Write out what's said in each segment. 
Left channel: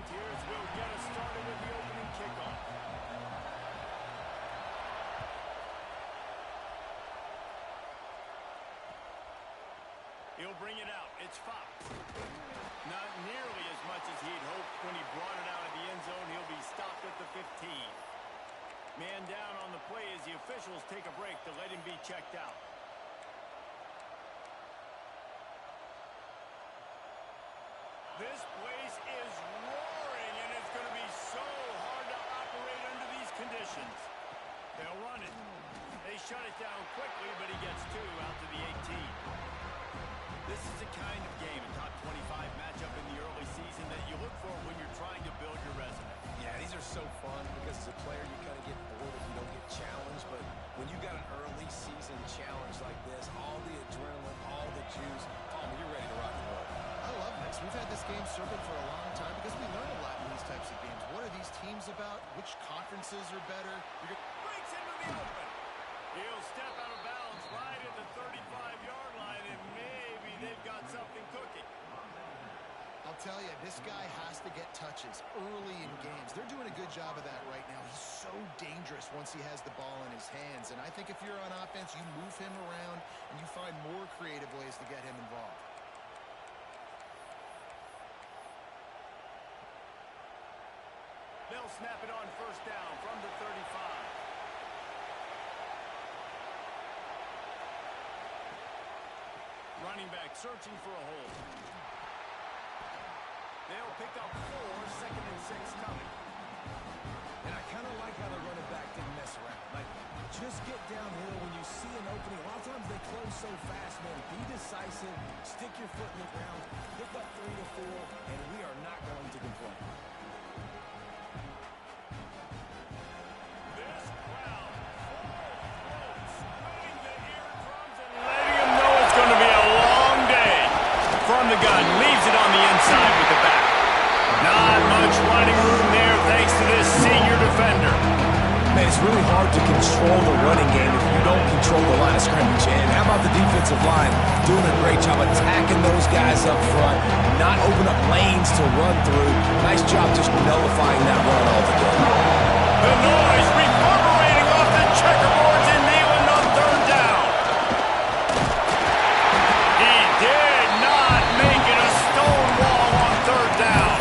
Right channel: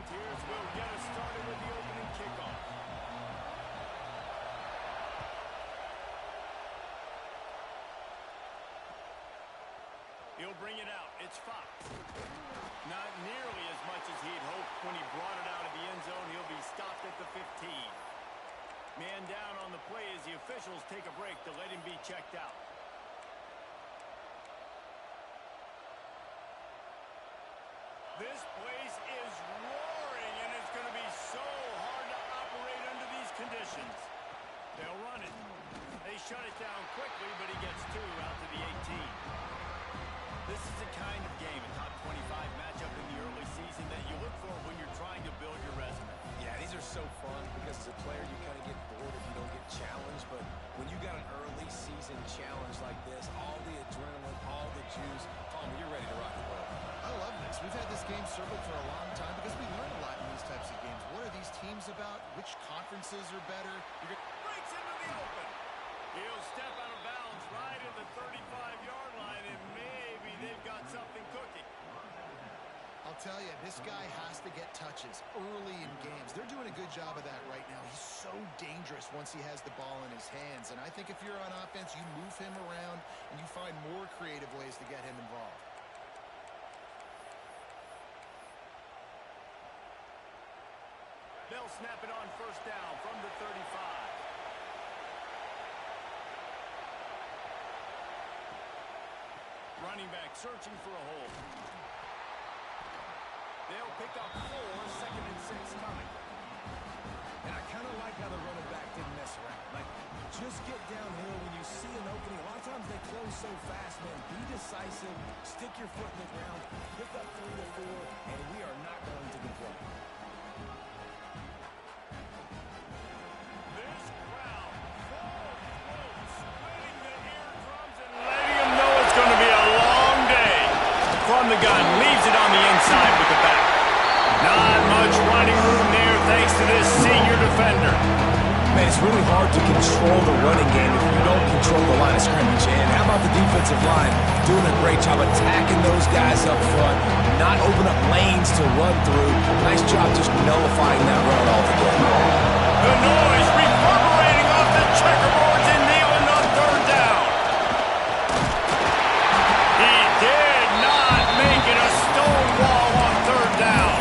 Volunteers will get us started with the opening kickoff. He'll bring it out. It's Fox. Not nearly as much as he'd hoped when he brought it out of the end zone. He'll be stopped at the 15. Man down on the play as the officials take a break to let him be checked out. This place is roaring, and it's going to be so hard to operate under these conditions. They'll run it. They shut it down quickly, but he gets two out to the 18. This is the kind of game, a top 25 matchup in the early season, that you look for when you're trying to build your resume. Yeah, these are so fun because as a player, you kind of get bored if you don't get challenged. But when you got an early season challenge like this, all the adrenaline, all the juice, Palmer, you're ready to rock and roll. I love this. We've had this game circled for a long time because we learn a lot in these types of games. What are these teams about? Which conferences are better? Breaks into the open. He'll step out of bounds right at the 35-yard line, and maybe they've got something cooking. I'll tell you, this guy has to get touches early in games. They're doing a good job of that right now. He's so dangerous once he has the ball in his hands. And I think if you're on offense, you move him around and you find more creative ways to get him involved. They'll snap it on first down from the 35. Running back searching for a hole. They'll pick up 4, 2nd and 6 coming. And I kind of like how the running back didn't mess around. Like, just get downhill when you see an opening. A lot of times they close so fast, man. Be decisive, stick your foot in the ground, pick up 3 to 4, and we are not going to complain. This crowd, full throat, splitting the eardrums and letting them know it's going to be a long day. From the gun, leaves it on the inside with the back. Not much running room there thanks to this senior defender. Man, it's really hard to control the running game if you don't control the line of scrimmage. And how about the defensive line doing a great job attacking those guys up front, not open up lanes to run through. Nice job just nullifying that run altogether. The noise reverberating off the checkerboards in Neyland on third down. He did not make it a stone wall on third down.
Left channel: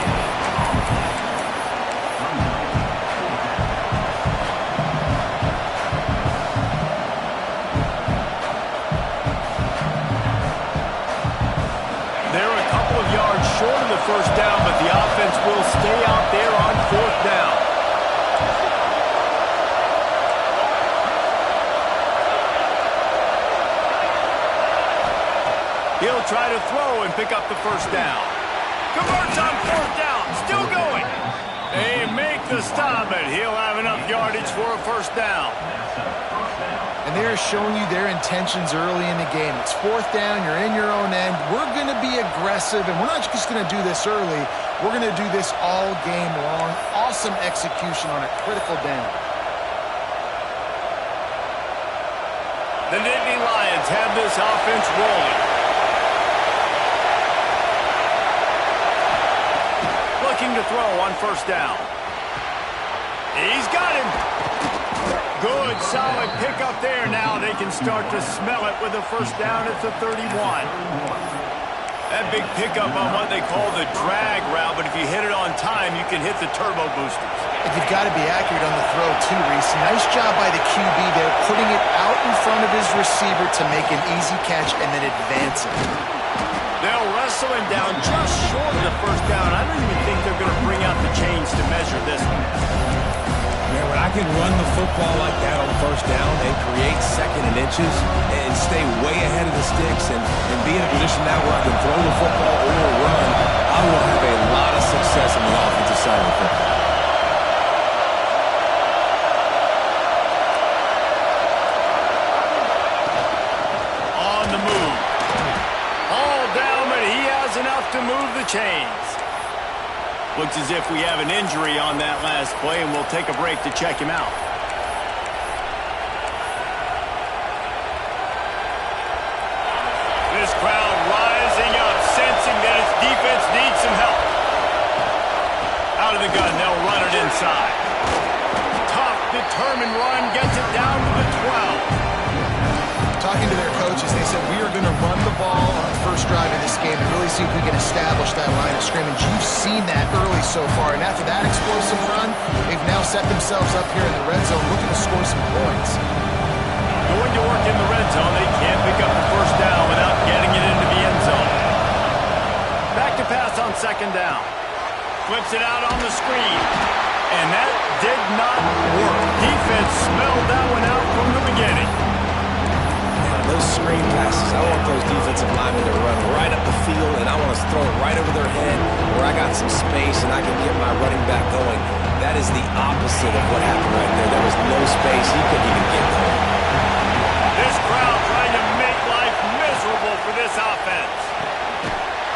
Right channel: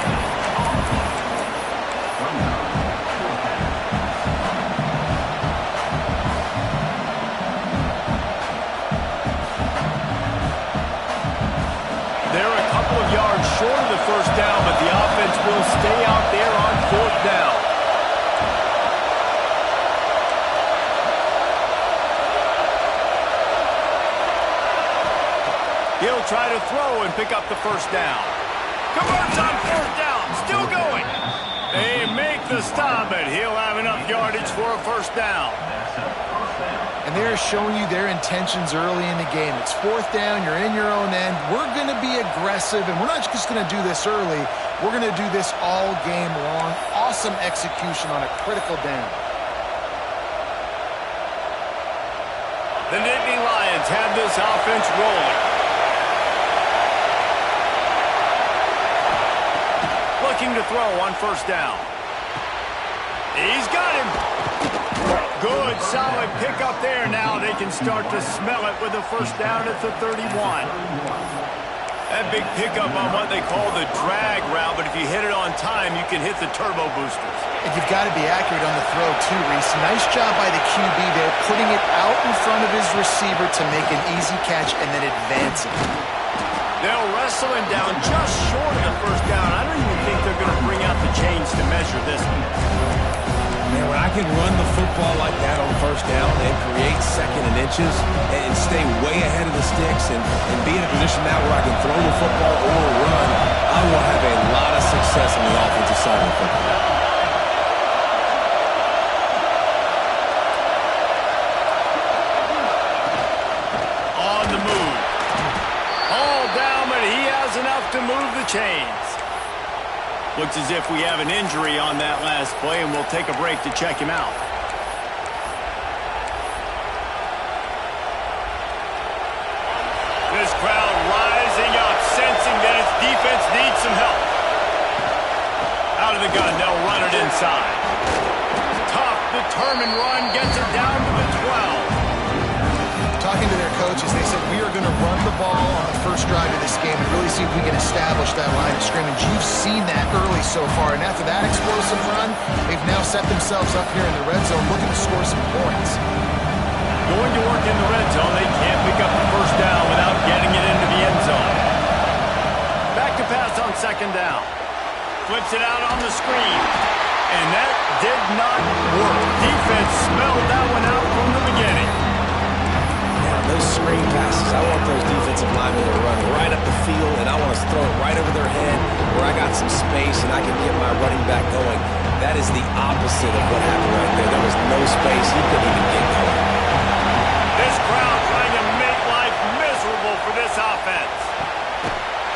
They're a couple of yards short of the first down, but the offense will stay out there on fourth down. He'll try to throw and pick up the first down. Converts on fourth down. Still going. They make the stop, but he'll have enough yardage for a first down. And they're showing you their intentions early in the game. It's fourth down. You're in your own end. We're going to be aggressive, and we're not just going to do this early. We're going to do this all game long. Awesome execution on a critical down. The Nittany Lions have this offense rolling. Looking to throw on first down. He's got him. Good, solid pickup there. Now they can start to smell it with a first down at the 31. That big pickup on what they call the drag route, but if you hit it on time, you can hit the turbo boosters. And you've got to be accurate on the throw too, Reese. Nice job by the QB there, putting it out in front of his receiver to make an easy catch and then advance it. They'll wrestle him down just short of the first down. I don't even think they're going to bring out the chains to measure this one. Man, when I can run the football like that on first down and create 2nd and inches and stay way ahead of the sticks and be in a position now where I can throw the football or run, I will have a lot of success on the offensive side of the football. On the move. All down, but he has enough to move the chains. Looks as if we have an injury on that last play, and we'll take a break to check him out. This crowd rising up, sensing that its defense needs some help. Out of the gun, they'll run it inside. Tough, determined run gets it down to the 12. Talking to their coaches, they said, we are going to run the ball on the first drive of this game and really see if we can establish that line of scrimmage. You've seen that early so far, and after that explosive run, they've now set themselves up here in the red zone looking to score some points. Going to work in the red zone, they can't pick up the first down without getting it into the end zone. Back to pass on second down. Flips it out on the screen. And that did not work. Defense smelled that one out from the beginning. Those screen passes, I want those defensive linemen to run right up the field, and I want to throw it right over their head where I got some space and I can get my running back going. That is the opposite of what happened right there. There was no space. He couldn't even get going. This crowd trying to make life miserable for this offense.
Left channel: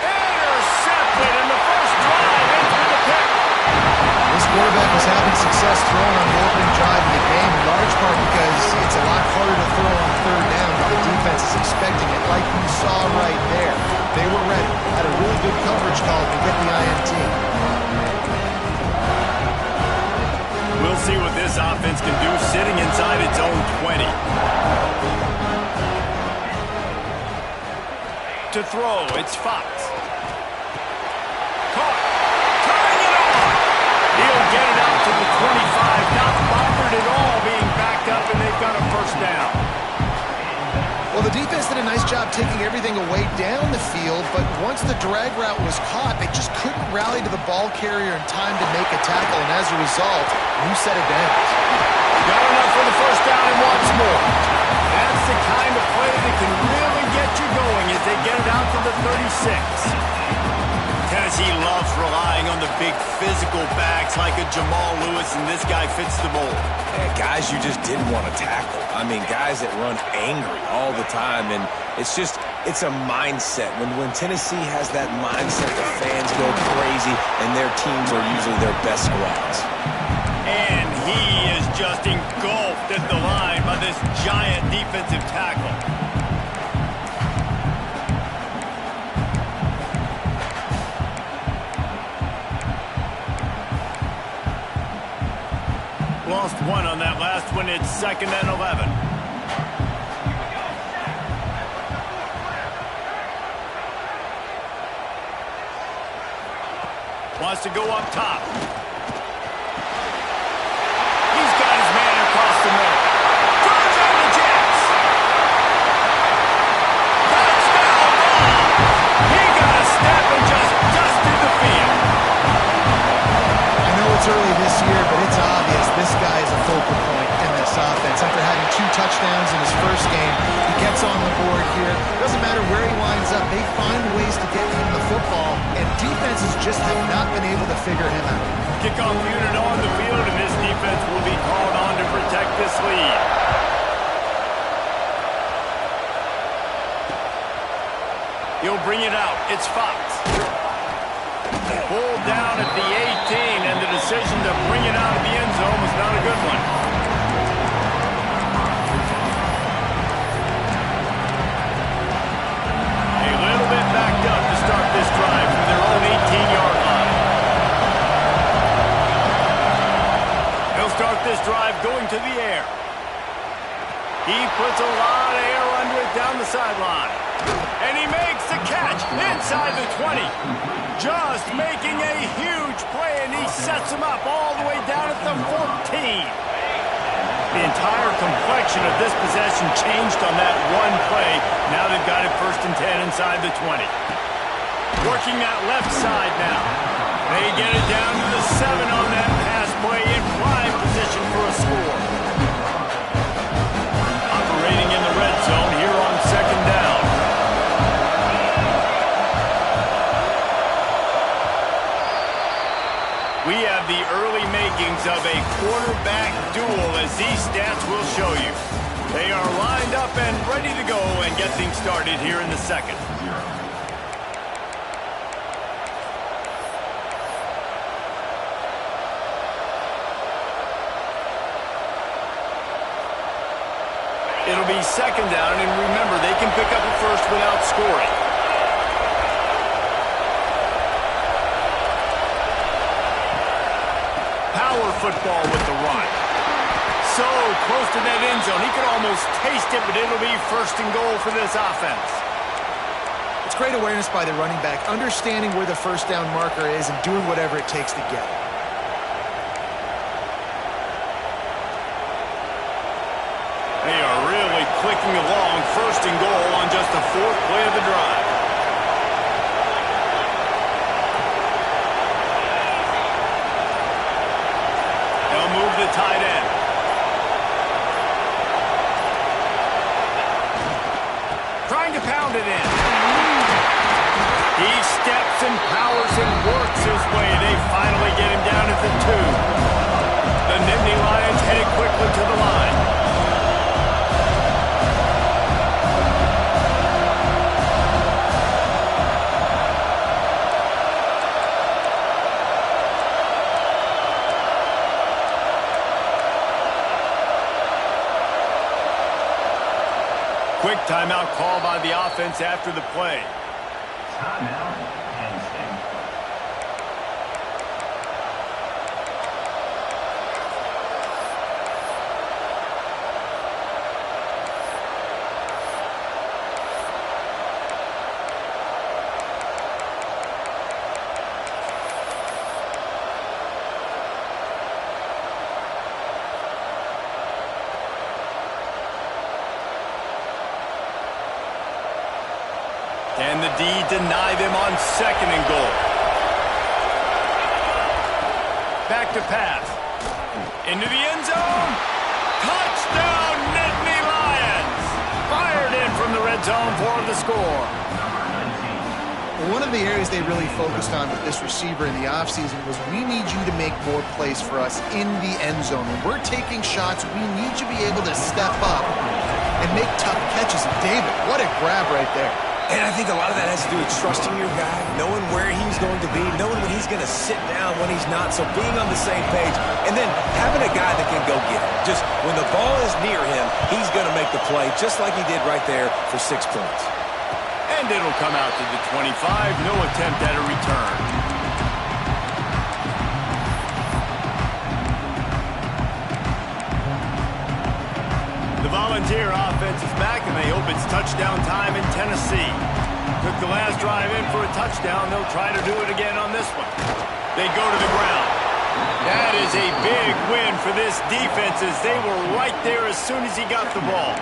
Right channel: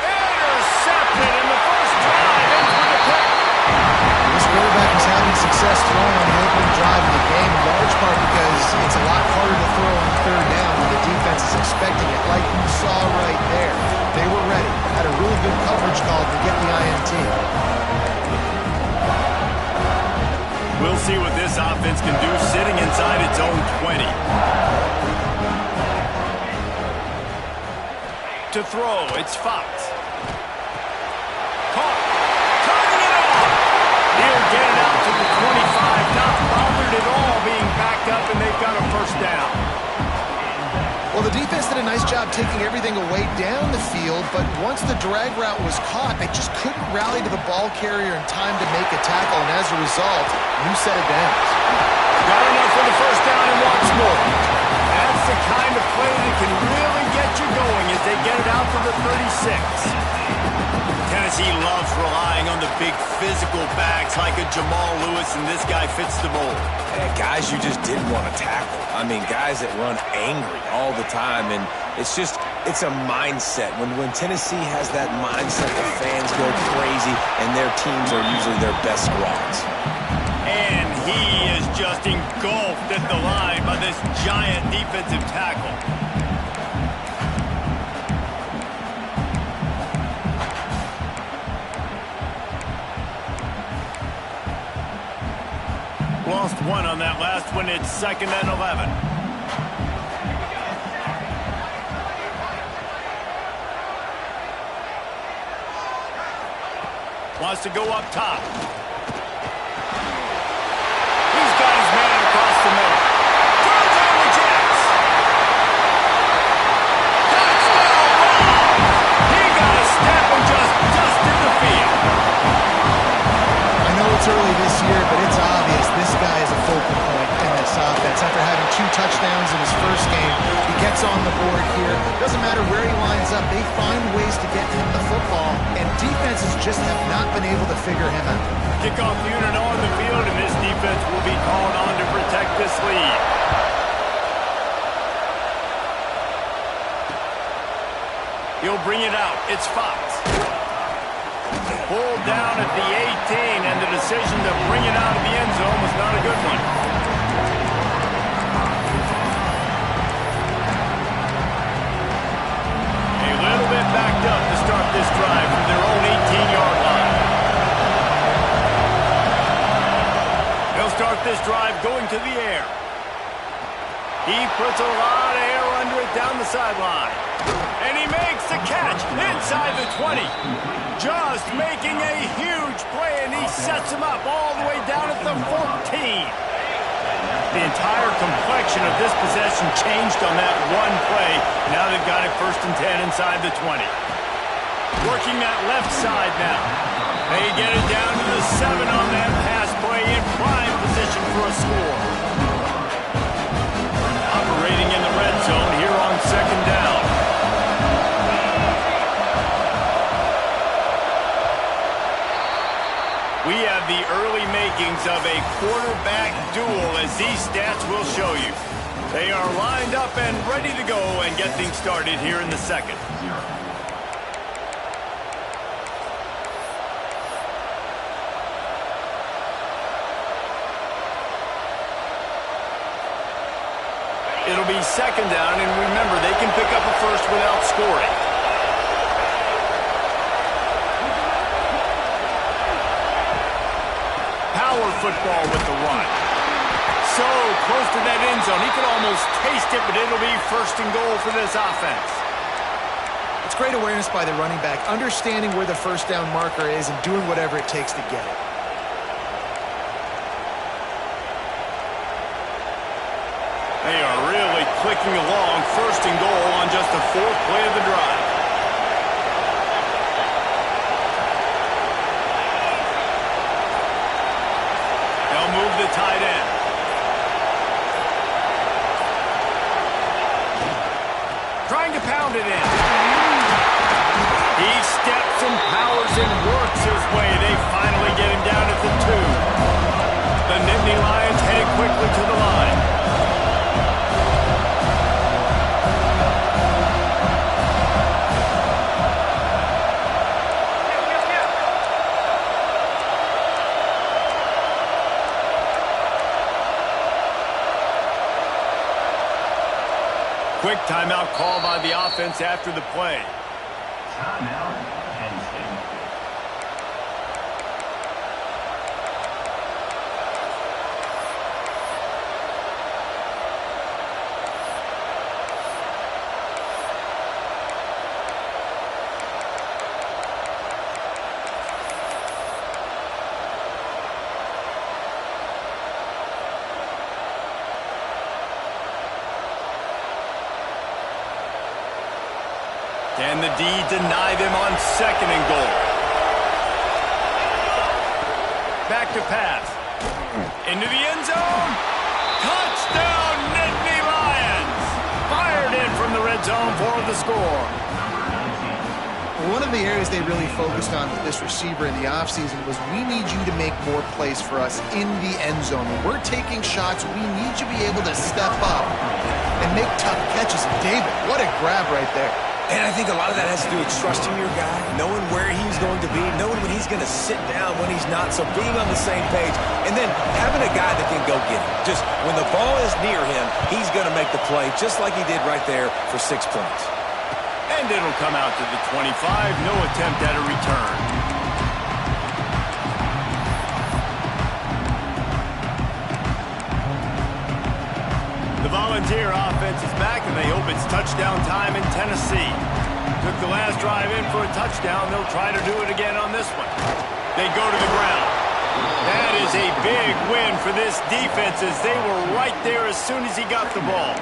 Intercepted in the first drive into the pick. This quarterback was having success throwing on the opening drive of the game, in large part because it's a lot harder to throw on third down when the defense is expecting it, like you saw right there. They were ready, had a really good coverage call to get the INT. We'll see what this offense can do sitting inside its own 20. To throw, it's Fox. Caught. Turning it on. He'll get it out to the 25. Not bothered at all being backed up, and they've got a first down. Well, the defense did a nice job taking everything away down the field, but once the drag route was caught, they just couldn't rally to the ball carrier in time to make a tackle, and as a result, you set it down. Got enough for the first down and wants more. That's the kind of play that can really get you going as they get it out to the 36. Tennessee loves relying on the big physical backs like a Jamal Lewis, and this guy fits the mold. And guys you just didn't want to tackle. I mean, guys that run angry all the time, and it's a mindset. When Tennessee has that mindset, the fans go crazy, and their teams are usually their best squads. And he is just engulfed at the line by this giant defensive tackle. Lost one on that last one. It's 2nd and 11. Wants to go up top. He's got his man across the middle. Turns on the Jets. Touchdown ball. He got a step and just dusted the field. I know it's early this year, but it's obvious this guy is a focal point in this offense. After having 2 touchdowns in his first game, he gets on the board here. Doesn't matter where he lines up, they find ways to get him the football, and defenses just have not been able to figure him out. Kickoff unit on the field, and this defense will be called on to protect this lead. He'll bring it out. It's Fox. Pulled down at the 18, and the decision to bring it out of the end zone was not a good one. A little bit backed up to start this drive from their own 18-yard line. They'll start this drive going to the air. He puts a lot of air under it down the sideline. And he makes the catch inside the 20. Just making a huge play, and he sets him up all the way down at the 14. The entire complexion of this possession changed on that one play. Now they've got it 1st and 10 inside the 20. Working that left side now. They get it down to the 7 on that pass play in prime position for a score. Operating in the red zone here on 2nd down. We have the early makings of a quarterback duel, as these stats will show you. They are lined up and ready to go and get things started here in the 2nd. It'll be 2nd down, and remember, they can pick up a first without scoring. power football with the run. So close to that end zone. He could almost taste it, but it'll be first and goal for this offense. It's great awareness by the running back, understanding where the first down marker is and doing whatever it takes to get it. They are really clicking along, first and goal on just the fourth play of the drive. They'll move the tight end. Trying to pound it in. He steps and powers and works his way. They finally get him down at the 2. The Nittany Lions headed quickly to the line. Quick timeout call by the offense after the play. Timeout, Penn State. Can the D deny them on second and goal? Back to pass. Into the end zone. Touchdown, Nittany Lions! Fired in from the red zone for the score. One of the areas they really focused on with this receiver in the offseason was we need you to make more plays for us in the end zone. When we're taking shots, we need you to be able to step up and make tough catches. And David, what a grab right there. And I think a lot of that has to do with trusting your guy, knowing where he's going to be, knowing when he's going to sit down, when he's not. So being on the same page, and then having a guy that can go get it. Just when the ball is near him, he's going to make the play, just like he did right there for 6 points. And it'll come out to the 25. No attempt at a return. The Volunteer offense is back, and they hope it's touchdown time in Tennessee. Took the last drive in for a touchdown. They'll try to do it again on this one. They go to the ground. That is a big win for this defense, as they were right there as soon as he got the ball.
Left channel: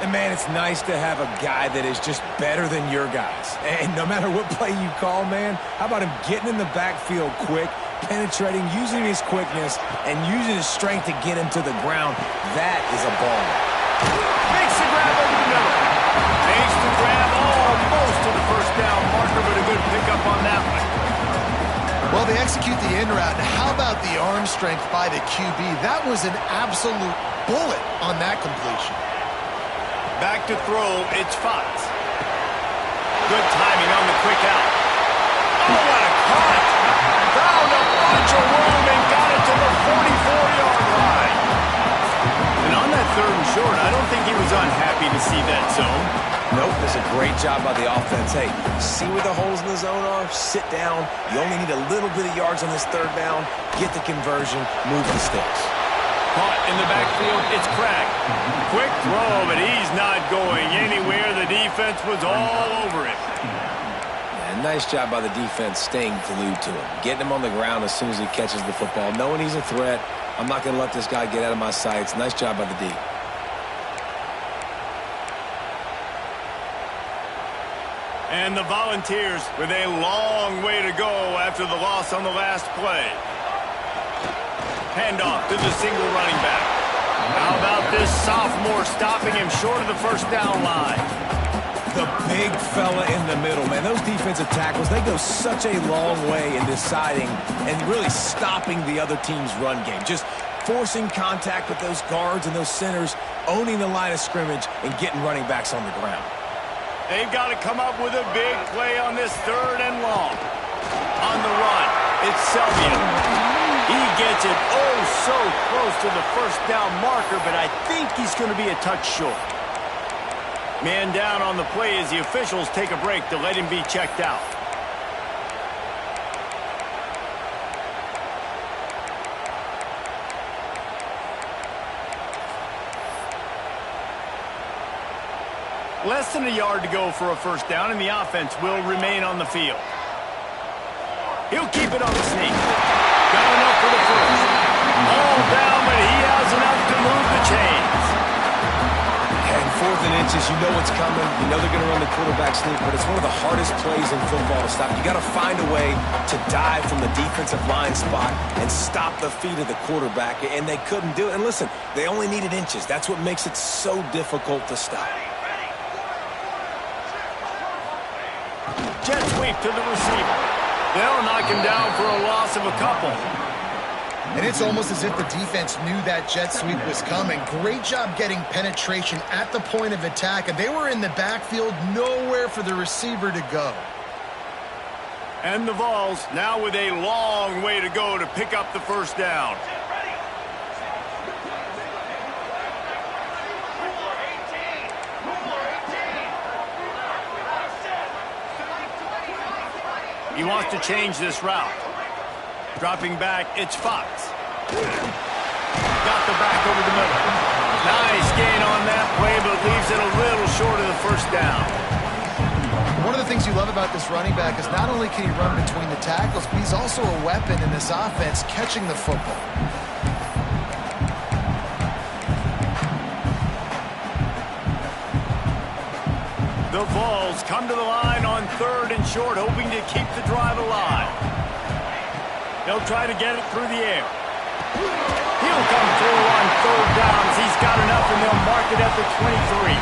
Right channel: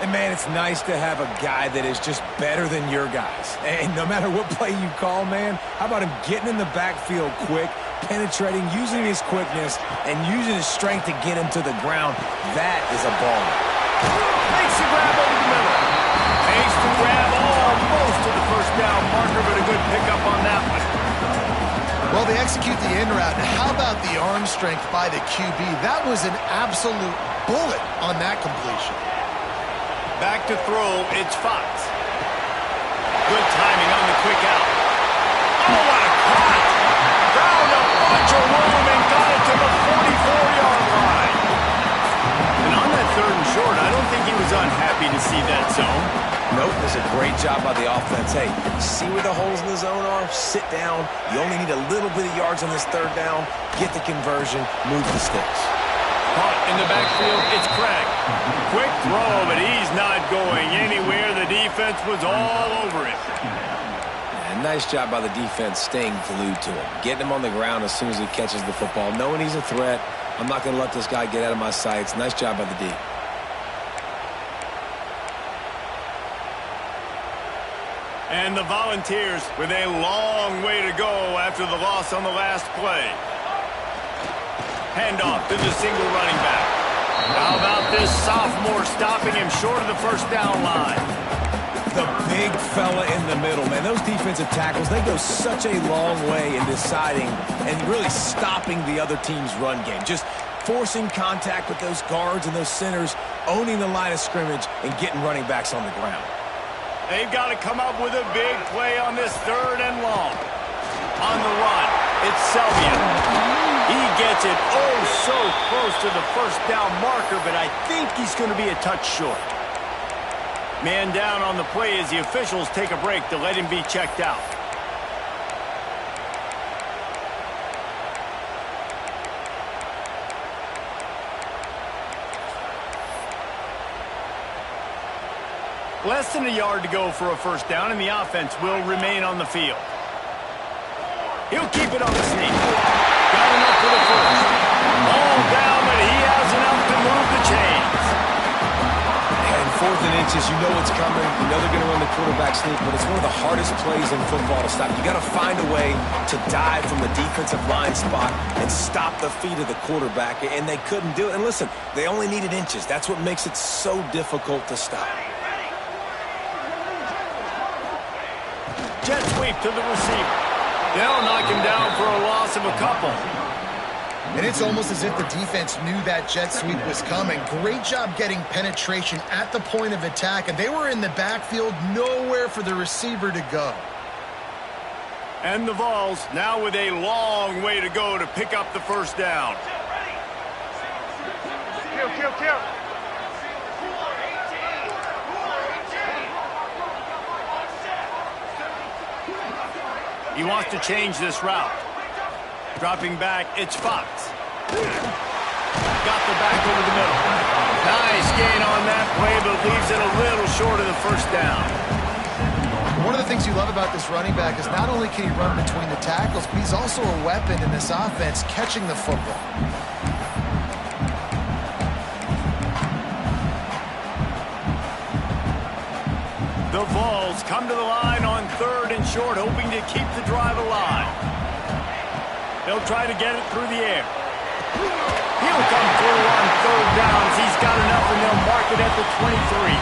And, man, it's nice to have a guy that is just better than your guys. And no matter what play you call, man, how about him getting in the backfield quick, penetrating, using his quickness, and using his strength to get him to the ground? That is a baller. Makes the grab over the middle. Makes the grab almost to the first down marker, but a good pickup on that one. Well, they execute the in route. And how about the arm strength by the QB? That was an absolute bullet on that completion. Back to throw, it's Fox. Good timing on the quick out. Oh, what a cut! Found a bunch of room and got it to the 44-yard line. And on that third and short, I don't think he was unhappy to see that zone. Nope, it's a great job by the offense. Hey, see where the holes in the zone are? Sit down. You only need a little bit of yards on this third down. Get the conversion. Move the sticks. Caught in the backfield, it's Craig. Quick throw, but he's not going anywhere. The defense was all over him. And nice job by the defense staying glued to him. Getting him on the ground as soon as he catches the football. Knowing he's a threat. I'm not going to let this guy get out of my sights. Nice job by the D. And the Volunteers with a long way to go after the loss on the last play. Handoff to the single running back. How about this sophomore stopping him short of the first down line? The big fella in the middle, man. Those defensive tackles, they go such a long way in deciding and really stopping the other team's run game. Just forcing contact with those guards and those centers, owning the line of scrimmage, and getting running backs on the ground. They've got to come up with a big play on this third and long. On the run, it's Selvian. He gets it so close to the first down marker, but I think he's going to be a touch short. Man down on the play as the officials take a break to let him be checked out. Less than a yard to go for a first down, and the offense will remain on the field. He'll keep it on the sneak. Got enough for the first. All down, but he has enough to move the chains. And 4th and inches, you know it's coming. You know they're going to run the quarterback sneak, but it's one of the hardest plays in football to stop. You got to find a way to dive from the defensive line spot and stop the feet of the quarterback, and they couldn't do it. And listen, they only needed inches. That's what makes it so difficult to stop. Jet sweep to the receiver. They'll knock him down for a loss of a couple. And it's almost as if the defense knew that jet sweep was coming. Great job getting penetration at the point of attack, and they were in the backfield, nowhere for the receiver to go. And the Vols now with a long way to go to pick up the first down. He wants to change this route. Dropping back, it's Fox. Got the back over the middle. Nice gain on that play, but leaves it a little short of the first down. One of the things you love about this running back is not only can he run between the tackles, but he's also a weapon in this offense catching the football. The Vols come to the line on 3rd and short, hoping to keep the drive alive. They'll try to get it through the air. He'll come through on 3rd downs. He's got enough, and they'll mark it at the 23.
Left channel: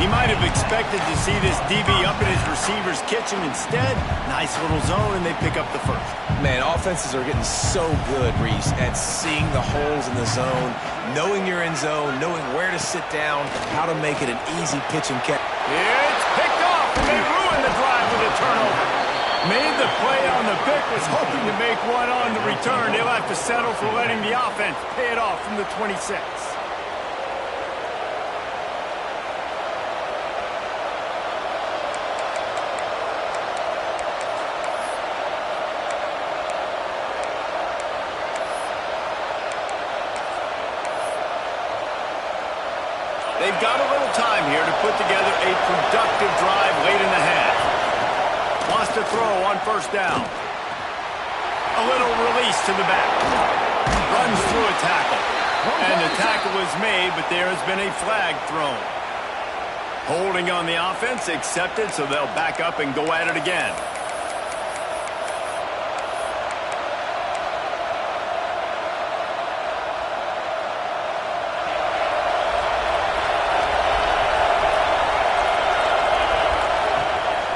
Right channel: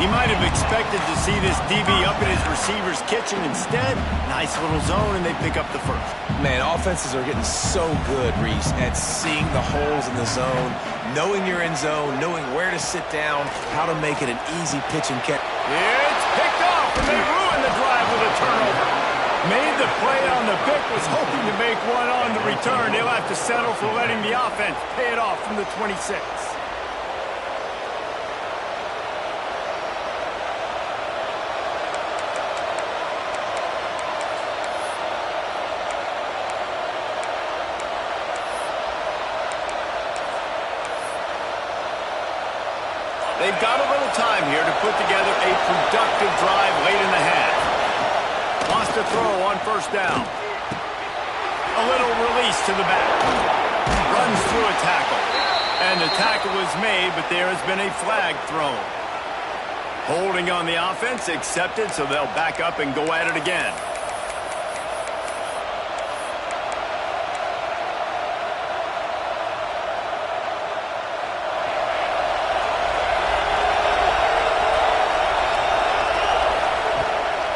He might have expected to see this DB up in his receiver's kitchen. Instead, nice little zone, and they pick up the first. Man, offenses are getting so good, Reese, at seeing the holes in the zone, knowing you're in zone, knowing where to sit down, how to make it an easy pitch and catch. It's picked off, and they ruin the drive with a turnover. Made the play on the pick, was hoping to make one on the return. They'll have to settle for letting the offense pay it off from the 26. They've got a little time here to put together a productive drive late in the half. Wants to throw on 1st down. A little release to the back. Runs through a tackle. And the tackle was made, but there has been a flag thrown. Holding on the offense, accepted, so they'll back up and go at it again.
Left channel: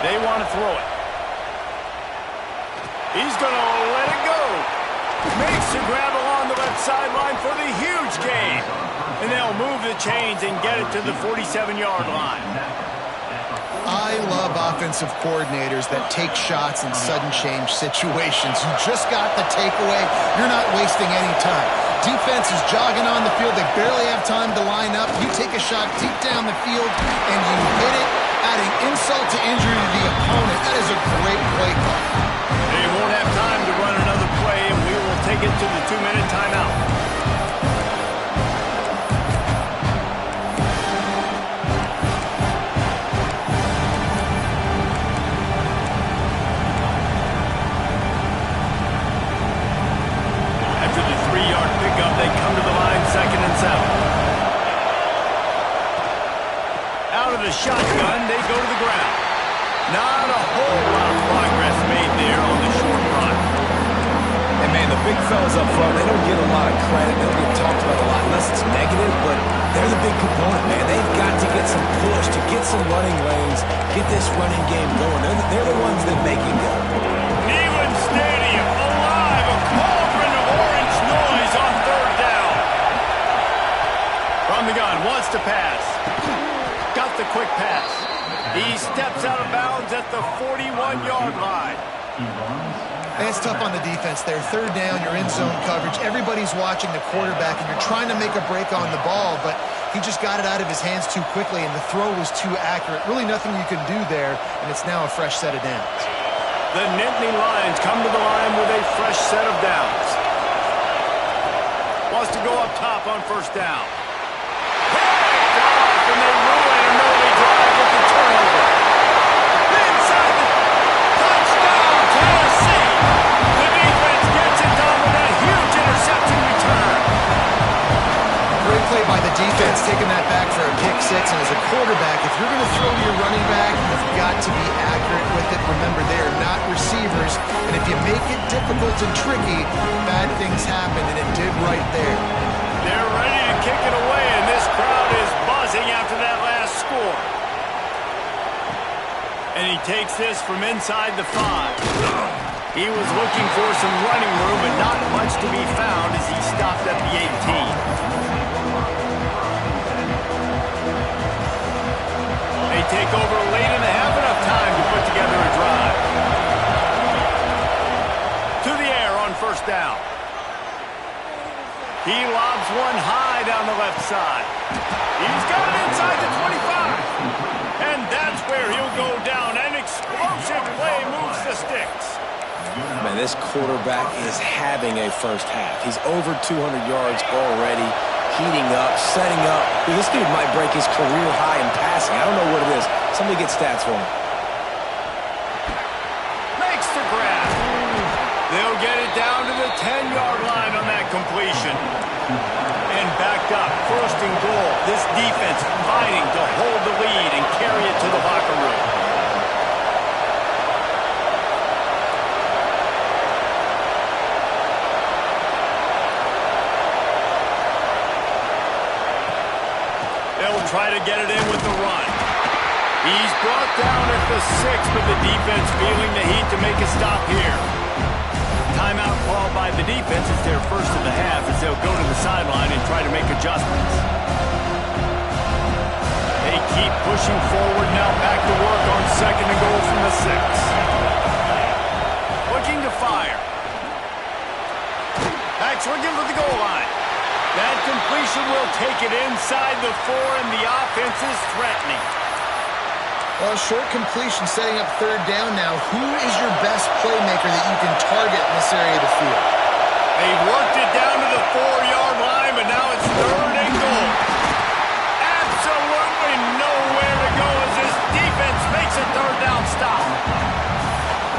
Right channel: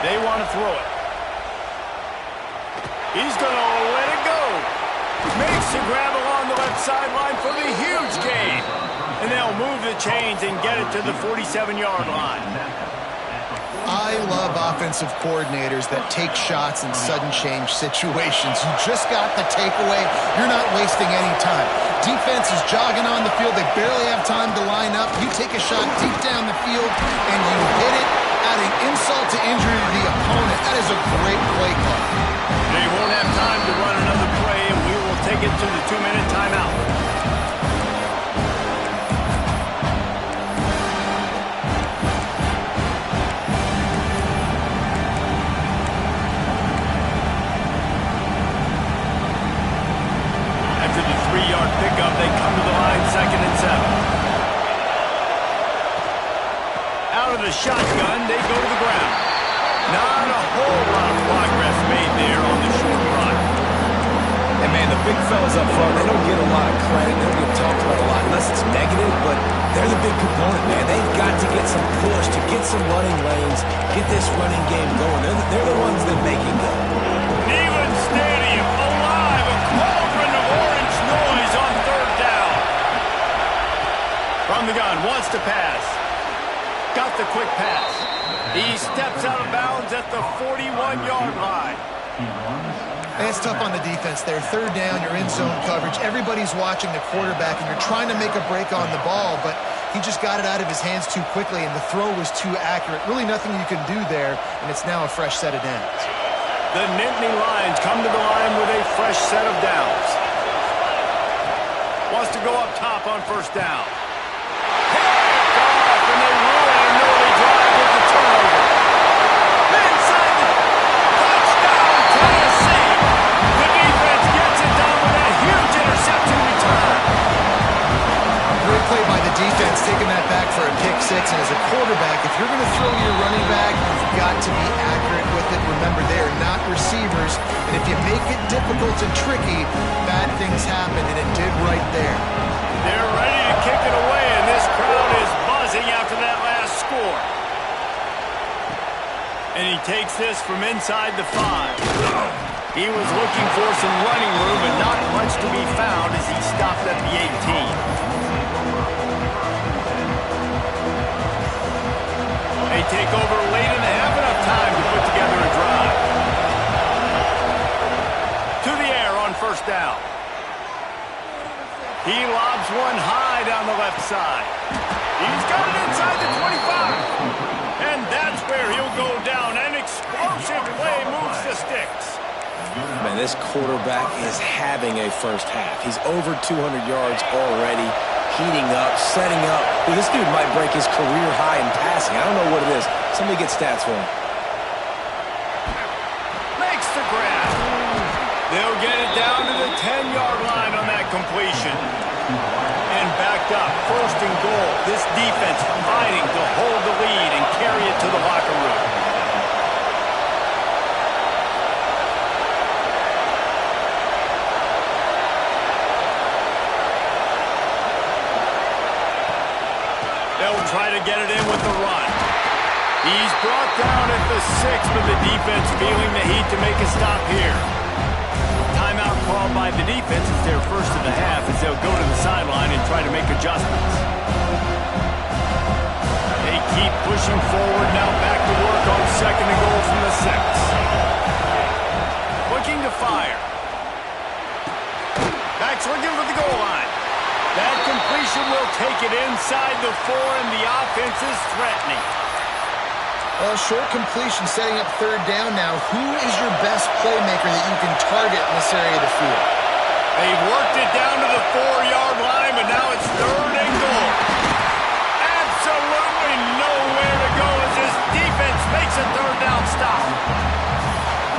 They want to throw it. He's going to let it go. Makes the grab along the left sideline for the huge gain. And they'll move the chains and get it to the 47-yard line. I love offensive coordinators that take shots in sudden change situations. You just got the takeaway. You're not wasting any time. Defense is jogging on the field. They barely have time to line up. You take a shot deep down the field, and you hit it, adding insult to injury to the opponent. That is a great play call. They won't have time to run another play, and we will take it to the 2-minute timeout. After the 3-yard pickup, they come to the line 2nd and 7. Out of the shotgun, they go to the ground. Not a whole lot of progress made there on the short run. And, man, the big fellas up front, they don't get a lot of credit. They don't get talked about a lot unless it's negative, but they're the big component, man. They've got to get some push, to get some running lanes, get this running game going. They're the ones that make it go. Neyland Stadium, alive, a cauldron of orange noise on 3rd down. From the gun, wants to pass. Got the quick pass. He steps out of bounds at the 41-yard line. And it's tough on the defense there. 3rd down, you're in zone coverage. Everybody's watching the quarterback, and you're trying to make a break on the ball, but he just got it out of his hands too quickly, and the throw was too accurate. Really nothing you can do there, and it's now a fresh set of downs. The Nittany Lions come to the line with a fresh set of downs. Wants to go up top on 1st down. Picked off, and they ruin an early turnover. Inside the touchdown, Tennessee. The defense gets it done with a huge interception return. Great play by the defense, taking that back for a pick six. And as a quarterback, if you're going to throw your running back, you've got to be accurate with it. Remember, they are not receivers. And if you make it difficult and tricky, bad things happen, and it did right there. They're ready to kick it away, and this crowd is buzzing after that last score. And he takes this from inside the 5. He was looking for some running room, and not much to be found as he stopped at the 18. They take over late in the half, enough time to put together a drive. To the air on first down. He lobs one high down the left side. He's got it inside the 25. And that's where he'll go down. An explosive play moves the sticks. Man, this quarterback is having a first half. He's over 200 yards already, heating up, setting up. This dude might break his career high in passing. I don't know what it is. Somebody get stats for him. Makes the grab. They'll get it down to the 10-yard line on that completion. And backed up, first and goal. This defense fighting to hold the lead and carry it to the locker room. They'll try to get it in with the run. He's brought down at the 6, but the defense feeling the heat to make a stop here. Timeout called by the defense. It's their first of the half as they'll go to the sideline and try to make adjustments. They keep pushing forward now, back to work on second and goal from the 6. Looking to fire. Back's looking for the goal line. That completion will take it inside the 4, and the offense is threatening. Well, short completion setting up third down now. Who is your best playmaker that you can target in this area of the field? They've worked it down to the 4-yard line, but now it's third and goal. Absolutely nowhere to go as this defense makes a third down stop.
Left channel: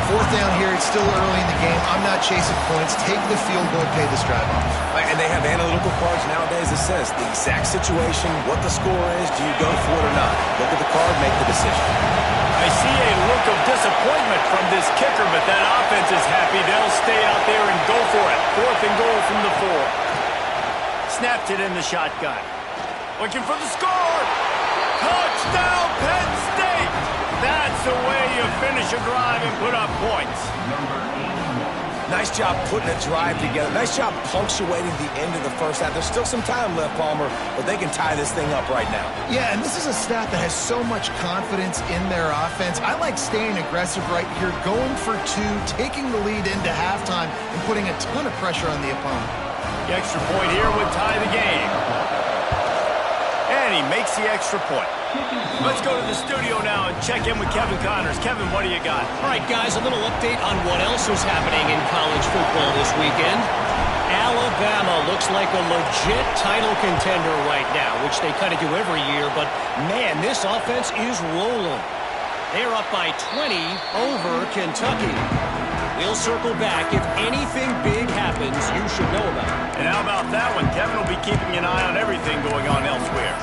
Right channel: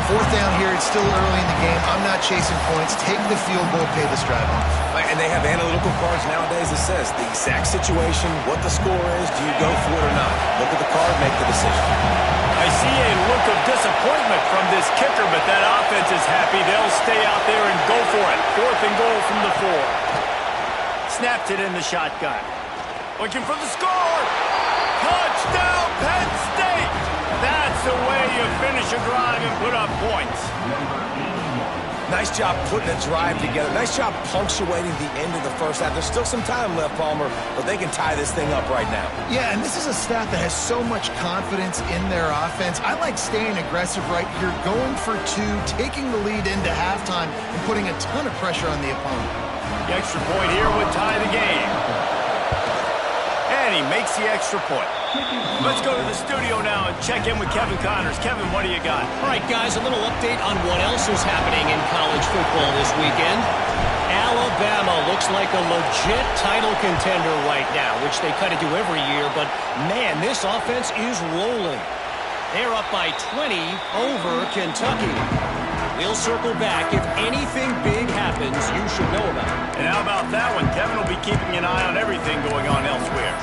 Fourth down here, it's still early in the game. I'm not chasing points. Take the field goal, pay this drive off. And they have analytical cards nowadays that says the exact situation, what the score is, do you go for it or not? Look at the card, make the decision. I see a look of disappointment from this kicker, but that offense is happy. They'll stay out there and go for it. Fourth and goal from the 4. Snapped it in the shotgun. Looking for the score. Touchdown, Penn State. That's the way you finish a drive and put up points. Nice job putting a drive together. Nice job punctuating the end of the first half. There's still some time left, Palmer, but they can tie this thing up right now. Yeah, and this is a staff that has so much confidence in their offense. I like staying aggressive right here, going for 2, taking the lead into halftime, and putting a ton of pressure on the opponent. The extra point here would tie the game. And he makes the extra point. Let's go to the studio now and check in with Kevin Connors. Kevin, what do you got? All right, guys, a little update on what else is happening in college football this weekend. Alabama looks like a legit title contender right now, which they kind of do every year. But, man, this offense is rolling. They're up by 20 over Kentucky. We'll circle back. If anything big happens, you should know about it. And how about that one? Kevin will be keeping an eye on everything going on elsewhere.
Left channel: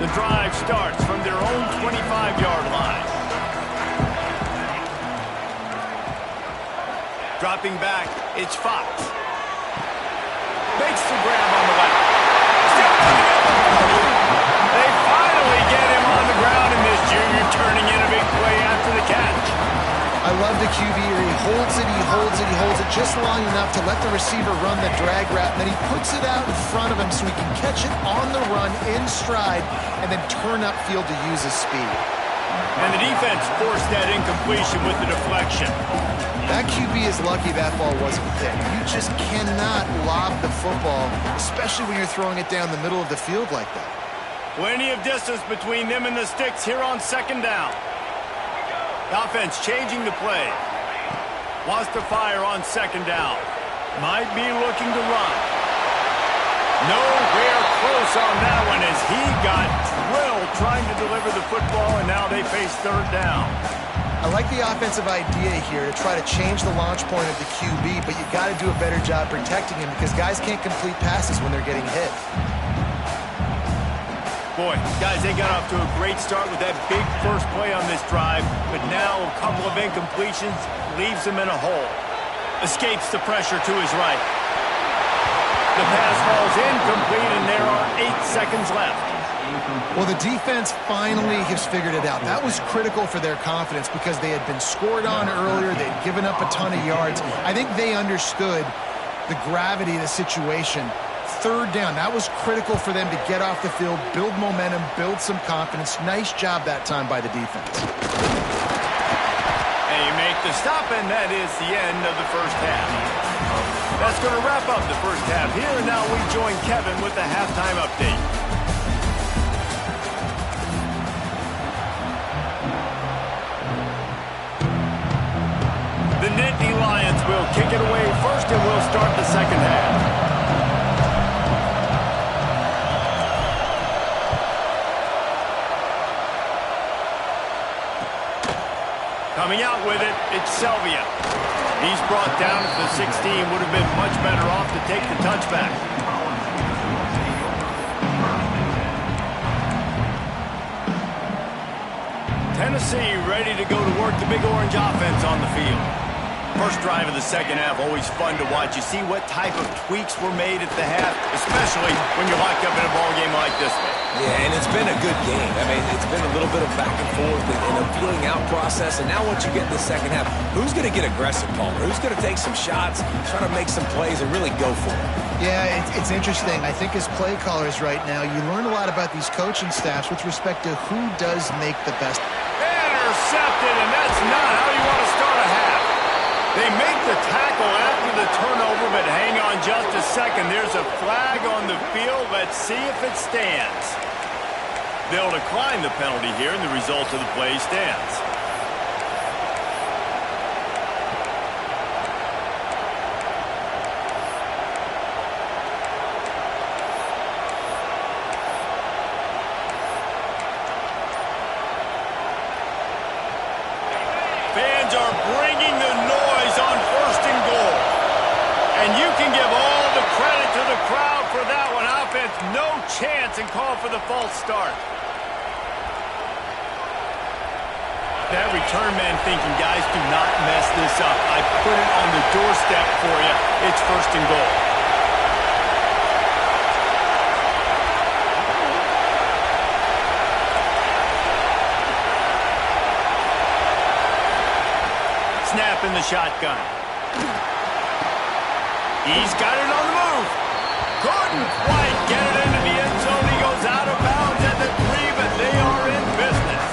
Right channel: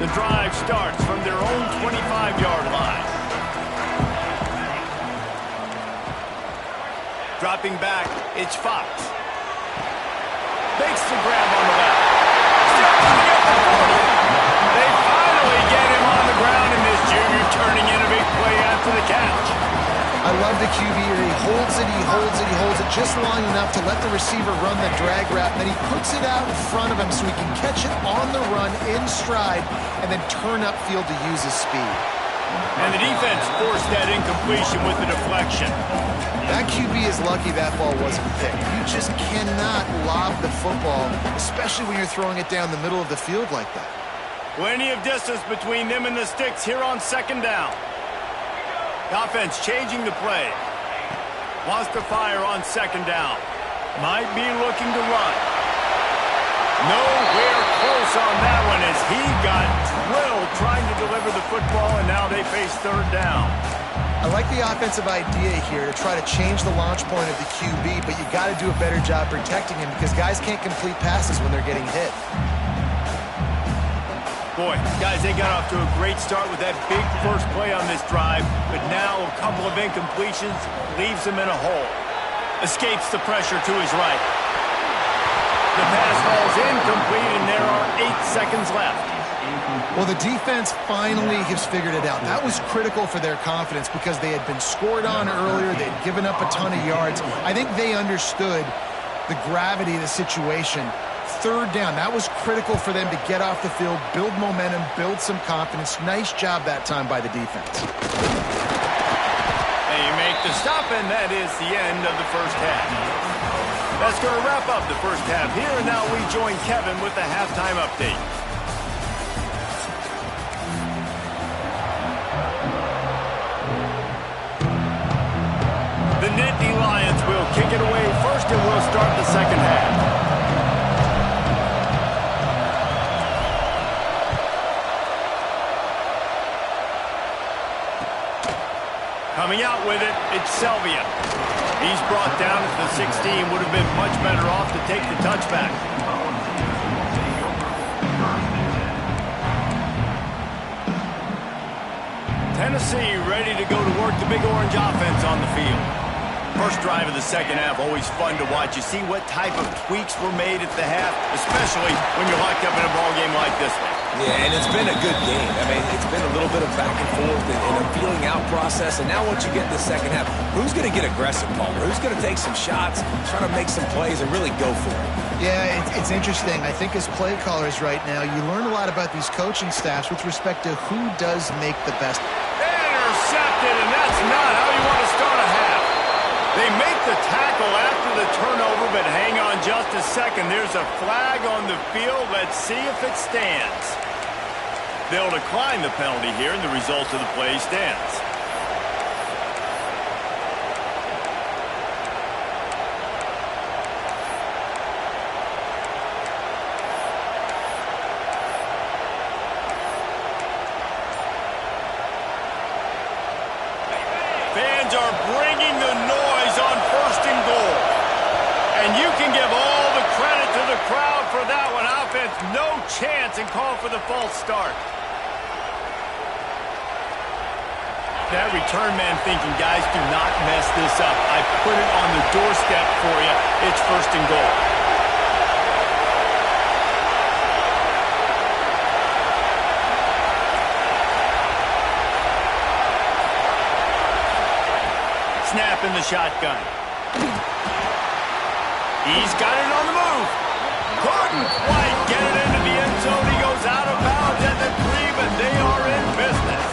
The drive starts from their own 25-yard line. Dropping back, it's Fox. Makes the grab on the left. Still running at the 40. They finally get him on the ground, and this junior turning in a big play after the catch. I love the QB here. He holds it, he holds it, he holds it just long enough to let the receiver run the drag route, and then he puts it out in front of him so he can catch it on the run in stride and then turn upfield to use his speed. And the defense forced that incompletion with the deflection. That QB is lucky that ball wasn't picked. You just cannot lob the football, especially when you're throwing it down the middle of the field like that. Plenty of distance between them and the sticks here on second down. The offense changing the play. Wants to fire on second down. Might be looking to run. Nowhere close on that one as he got drilled trying to deliver the football, and now they face third down. I like the offensive idea here to try to change the launch point of the QB, but you got to do a better job protecting him because guys can't complete passes when they're getting hit. Boy, guys, they got off to a great start with that big first play on this drive, but now a couple of incompletions leaves them in a hole. Escapes the pressure to his right. The pass falls incomplete, and there are 8 seconds left. Well, the defense finally has figured it out. That was critical for their confidence because they had been scored on earlier. They had given up a ton of yards. I think they understood the gravity of the situation. Third down, that was critical for them to get off the field, build momentum, build some confidence. Nice job that time by the defense. They make the stop, and that is the end of the first half. That's going to wrap up the first half here, and now we join Kevin with the halftime update. The Nittany Lions will kick it away first, and we'll start the second half. Coming out with it, it's Selvia. He's brought down at the 16. Would have been much better off to take the touchback. Tennessee ready to go to work the Big Orange offense on the field. First drive of the second half, always fun to watch. You see what type of tweaks were made at the half, especially when you're locked up in a ball game like this one. Yeah, and it's been a good game. I mean, it's been a little bit of back and forth and a feeling out process. And now once you get in the second half, who's going to get aggressive, Palmer? Who's going to take some shots, try to make some plays, and really go for it? Yeah, it's interesting. I think as play callers right now, you learn a lot about these coaching staffs with respect to who does make the best. Intercepted, and that's not how you want to start a half. They make the tackle after the turnover, but hang on just a second. There's a flag on the field. Let's see if it stands. They'll decline the penalty here, and the result of the play stands. Fans are bringing the noise on first and goal. And you can give all the credit to the crowd for that one. Offense, no chance, and call for the false start. That return man thinking, guys, do not mess this up. I put it on the doorstep for you. It's first and goal. Snap in the shotgun. He's got it on the move. Couldn't quite get it into the end zone. He goes out of bounds at the 3, but they are in business.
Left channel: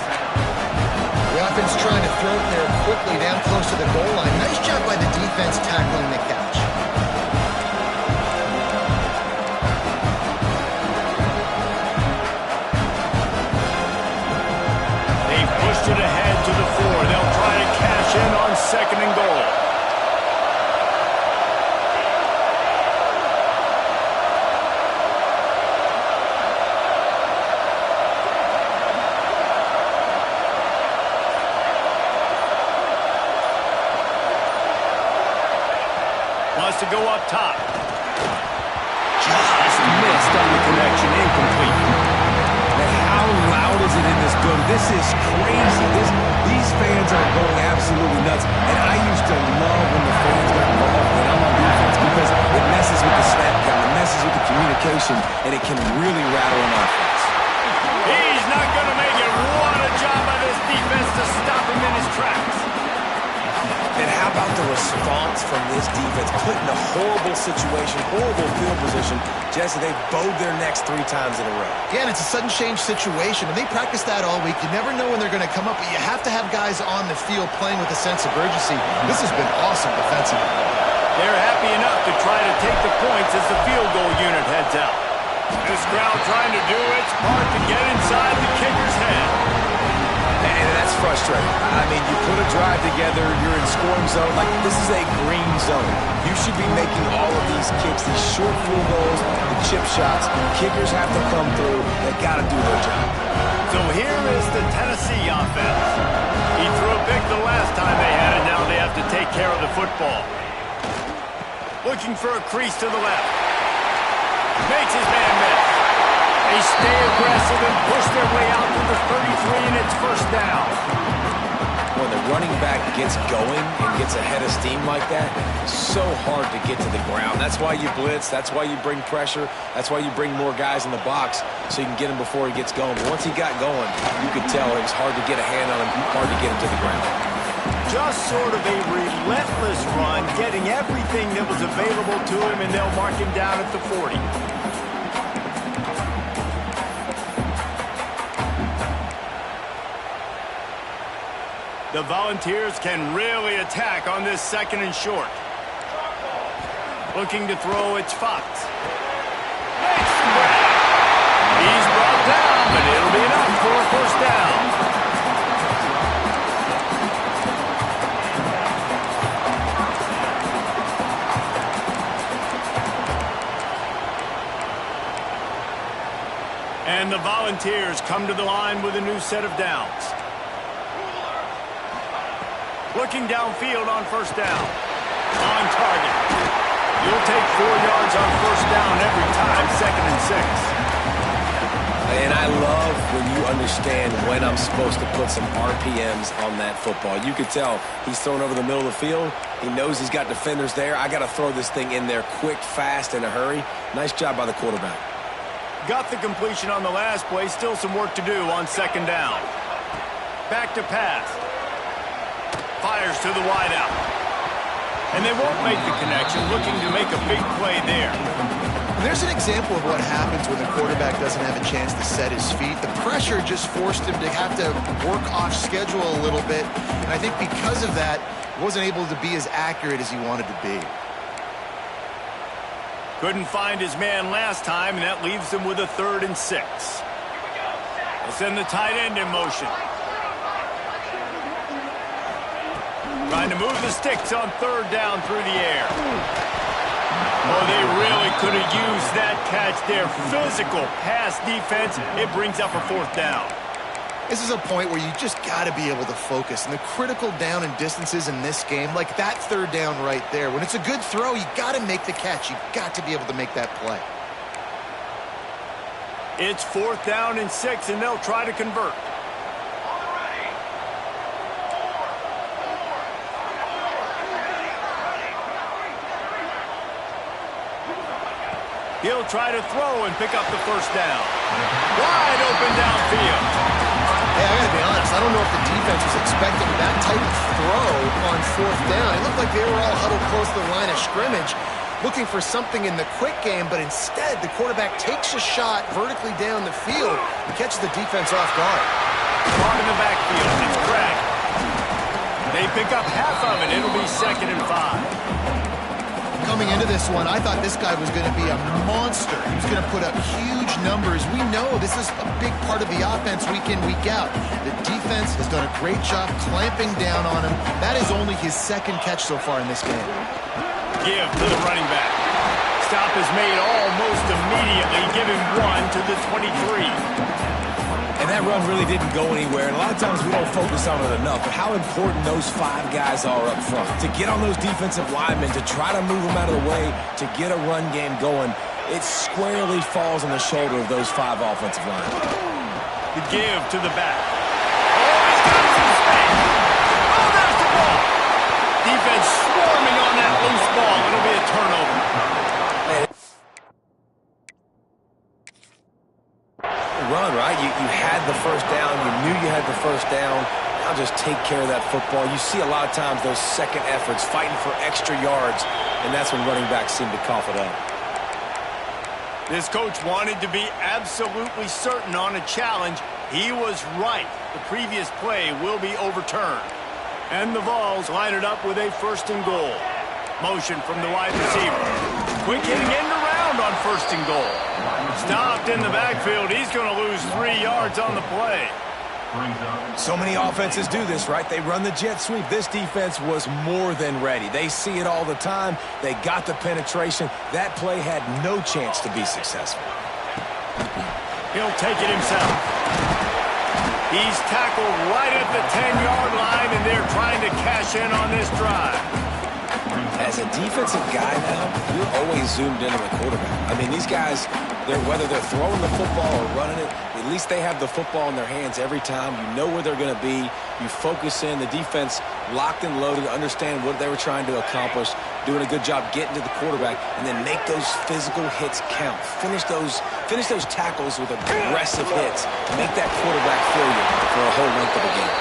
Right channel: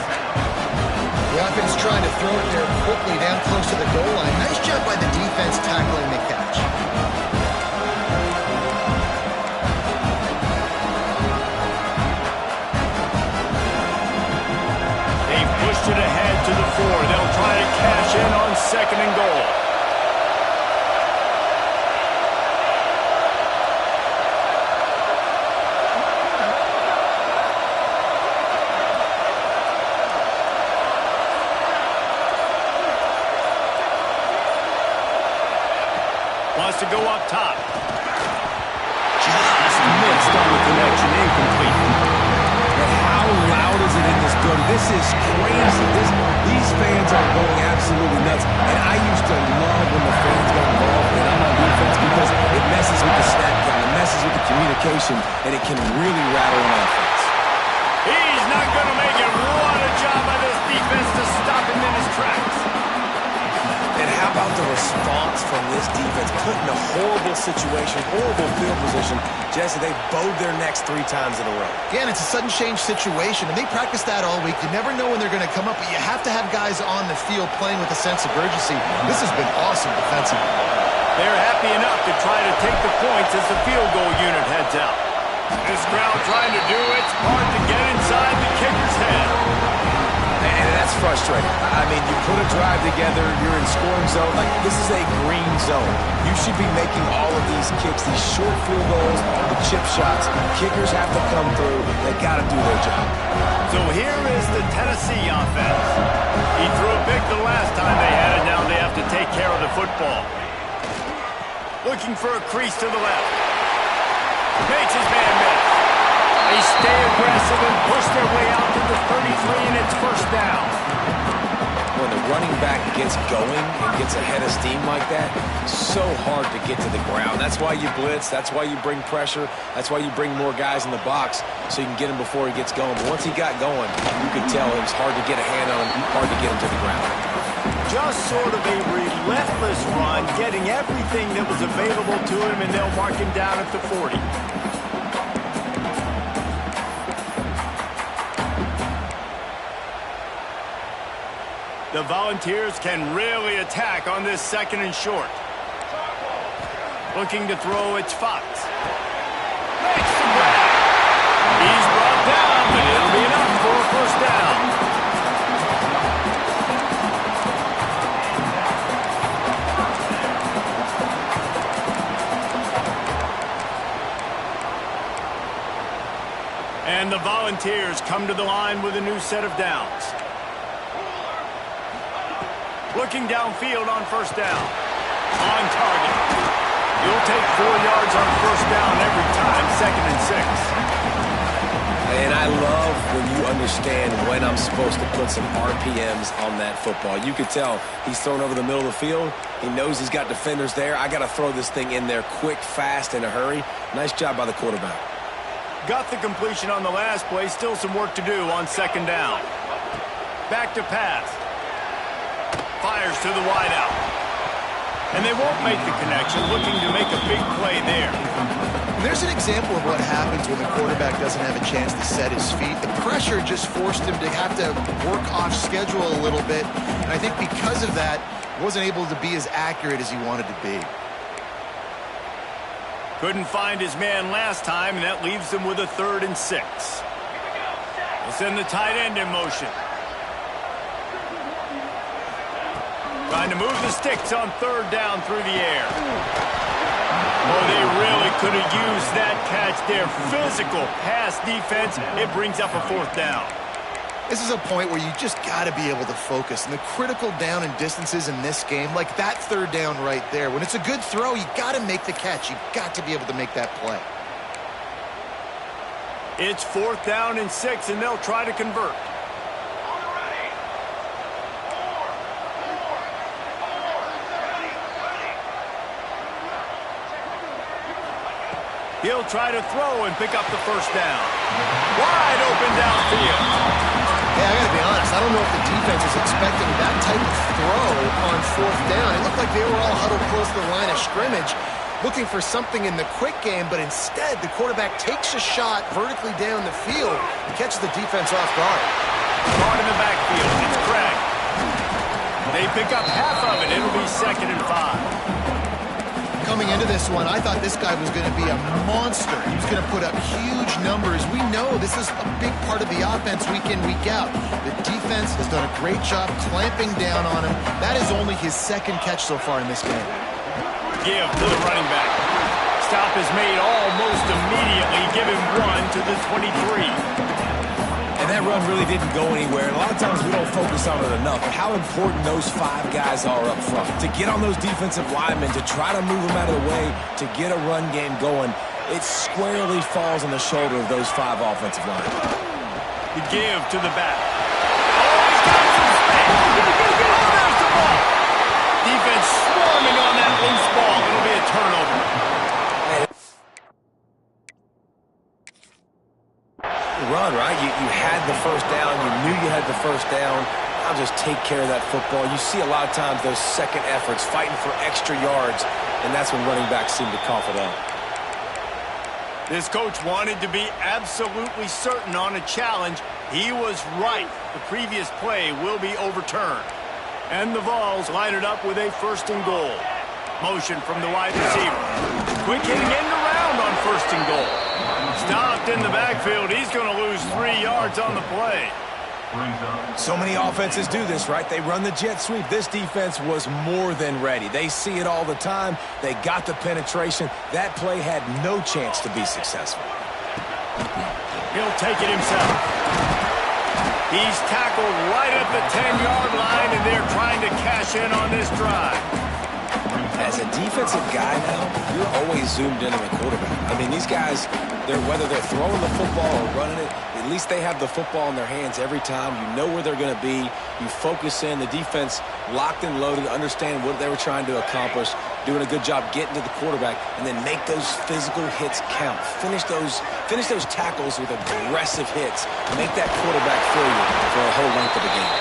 The offense trying to throw it there quickly down close to the goal line. Nice job by the defense tackling the catch. They've pushed it ahead to the 4. They'll try to cash in on second and goal. Wants to go up top. Just missed on the connection, incomplete. And how loud is it in this building? This is crazy. These fans are going absolutely nuts. And I used to love when the fans got involved when I'm on defense because it messes with the snap count, it messes with the communication, and it can really rattle an offense. He's not going to make it. What a job by this defense to stop him in his tracks. And how about the response from this defense? Put in a horrible situation, horrible field position. Jesse, they bowed their necks 3 times in a row. Again, it's a sudden change situation, and they practice that all week. You never know when they're going to come up, but you have to have guys on the field playing with a sense of urgency. This has been awesome defensively. They're happy enough to try to take the points as the field goal unit heads out. This crowd trying to do its part to get inside the kicker's head. And that's frustrating. I mean, you put a drive together, you're in scoring zone. Like, this is a green zone. You should be making all of these kicks, these short field goals, the chip shots. Kickers have to come through. They got to do their job. So here is the Tennessee offense. He threw a pick the last time they had it. Now they have to take care of the football. Looking for a crease to the left. Makes his man miss. They stay aggressive and push their way out to the 33, and it's first down. When the running back gets going and gets ahead of steam like that, so hard to get to the ground. That's why you blitz. That's why you bring pressure. That's why you bring more guys in the box so you can get him before he gets going. But once he got going, you could tell it was hard to get a hand on him, hard to get him to the ground. Just sort of a relentless run, getting everything that was available to him, and they'll mark him down at the 40. The Volunteers can really attack on this second and short. Looking to throw, it's Fox. Makes the grab. He's brought down, but it'll be enough for a first down. And the Volunteers come to the line with a new set of downs. Looking downfield on first down. On target. You'll take 4 yards on first down every time, 2nd and 6. And I love when you understand when I'm supposed to put some RPMs on that football. You could tell he's thrown over the middle of the field. He knows he's got defenders there. I got to throw this thing in there quick, fast, in a hurry. Nice job by the quarterback. Got the completion on the last play. Still some work to do on second down. Back to pass. Fires to the wideout. And they won't make the connection, looking to make a big play there. And there's an example of what happens when the quarterback doesn't have a chance to set his feet. The pressure just forced him to have to work off schedule a little bit. And I think because of that, he wasn't able to be as accurate as he wanted to be. Couldn't find his man last time, and that leaves them with a 3rd and 6. They'll send the tight end in motion. Trying to move the sticks on 3rd down through the air. Oh, they really could have used that catch there. Physical pass defense. It brings up a 4th down. This is a point where you just got to be able to focus. And the critical down and distances in this game, like that 3rd down right there, when it's a good throw, you got to make the catch. You got to be able to make that play. It's 4th down and 6, and they'll try to convert. He'll try to throw and pick up the first down. Wide open downfield. Hey, I got to be honest. I don't know if the defense was expecting that type of throw on 4th down. It looked like they were all huddled close to the line of scrimmage, looking for something in the quick game, but instead the quarterback takes a shot vertically down the field and catches the defense off guard. Caught in the backfield. It's Craig. They pick up half of it. It'll be 2nd and 5. Coming into this one, I thought this guy was going to be a monster. He was going to put up huge numbers. We know this is a big part of the offense week in, week out. The defense has done a great job clamping down on him. That is only his 2nd catch so far in this game. Give to the running back. Stop is made almost immediately. Give him 1 to the 23. And that run really didn't go anywhere. And a lot of times we don't focus on it enough. But how important those 5 guys are up front. To get on those defensive linemen, to try to move them out of the way, to get a run game going, it squarely falls on the shoulder of those 5 offensive linemen. The give to the back. Oh, he's got some space. Oh, there's the ball. Defense swarming on that loose ball. It'll be a turnover. Man, run, right? You had the first down. You knew you had the first down. Now just take care of that football. You see a lot of times those second efforts, fighting for extra yards, and that's when running backs seem to cough it up. This coach wanted to be absolutely certain on a challenge. He was right. The previous play will be overturned. And the Vols line it up with a 1st and goal. Motion from the wide receiver. Quick hitting end around on 1st and goal. Stopped in the backfield. He's going to lose 3 yards on the play. Brings up. So many offenses do this, right? They run the jet sweep. This defense was more than ready. They see it all the time. They got the penetration. That play had no chance to be successful. He'll take it himself. He's tackled right at the 10-yard line, and they're trying to cash in on this drive. As a defensive guy now, you're always zoomed in on the quarterback. I mean, these guys, whether they're throwing the football or running it, at least they have the football in their hands every time. You know where they're going to be. You focus in. The defense locked and loaded, understand what they were trying to accomplish, doing a good job getting to the quarterback, and then make those physical hits count. Finish those tackles with aggressive hits. Make that quarterback feel you for a whole length of the game.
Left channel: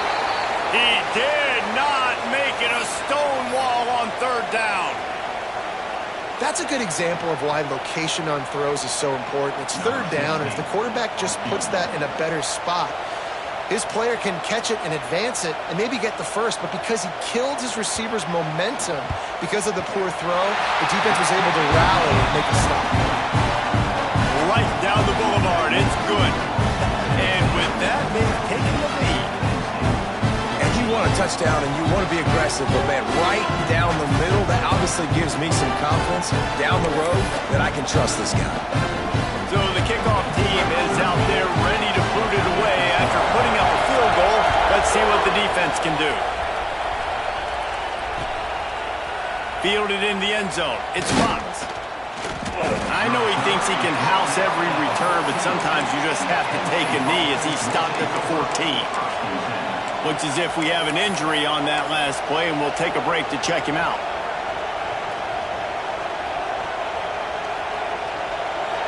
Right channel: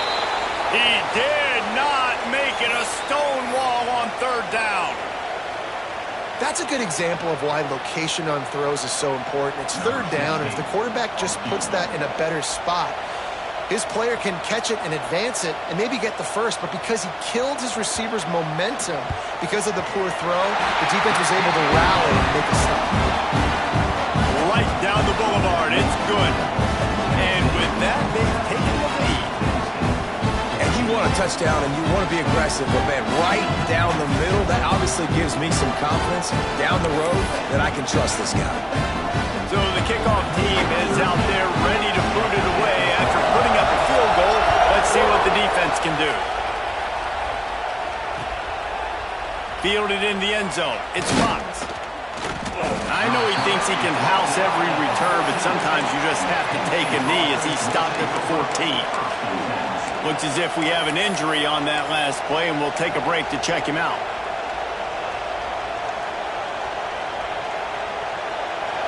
He did not make it a stone wall on third down. That's a good example of why location on throws is so important. It's third down, and if the quarterback just puts that in a better spot, his player can catch it and advance it and maybe get the first, but because he killed his receiver's momentum because of the poor throw, the defense was able to rally and make a stop. Right down the boulevard. It's good. And with that, they've taken the lead. And you want a touchdown and you want to be aggressive, but man, right down the middle, that obviously gives me some confidence down the road that I can trust this guy. So the kickoff team is out there ready to boot it away after putting up a field goal. Let's see what the defense can do. Fielded in the end zone. It's Fox. I know he thinks he can house every return, but sometimes you just have to take a knee as he stopped at the 14. Looks as if we have an injury on that last play, and we'll take a break to check him out.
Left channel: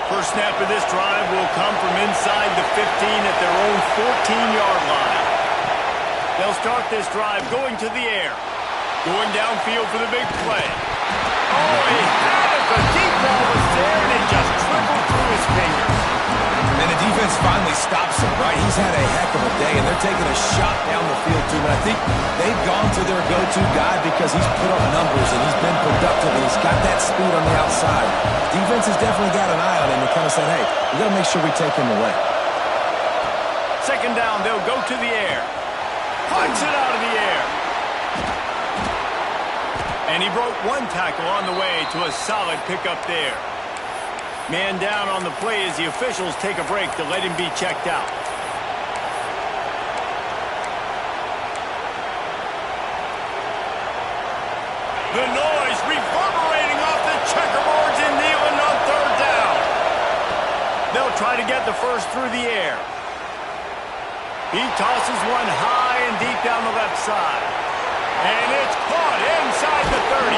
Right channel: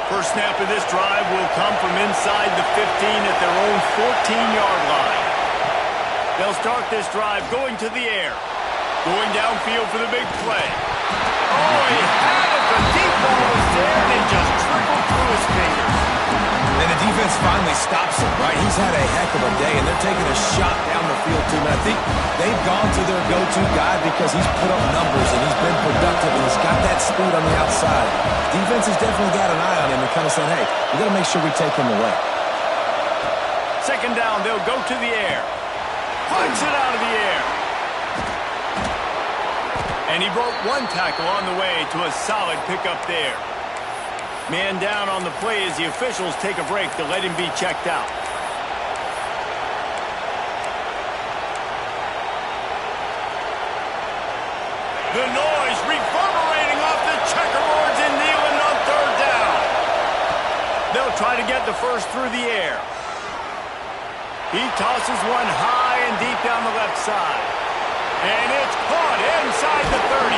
First snap of this drive will come from inside the 15 at their own 14-yard line. They'll start this drive going to the air. Going downfield for the big play. Oh, he had it. The deep ball was there, and it just trickled through his fingers. And the defense finally stops him, right? He's had a heck of a day, and they're taking a shot down the field to him. And I think they've gone to their go-to guy because he's put up numbers, and he's been productive, and he's got that speed on the outside. Defense has definitely got an eye on him and kind of saying, hey, we got to make sure we take him away. Second down, they'll go to the air. Punts it out of the air. And he broke one tackle on the way to a solid pickup there. Man down on the play as the officials take a break to let him be checked out. The noise reverberating off the checkerboards in Neyland on third down. They'll try to get the first through the air. He tosses one high and deep down the left side. And it's caught inside the 30.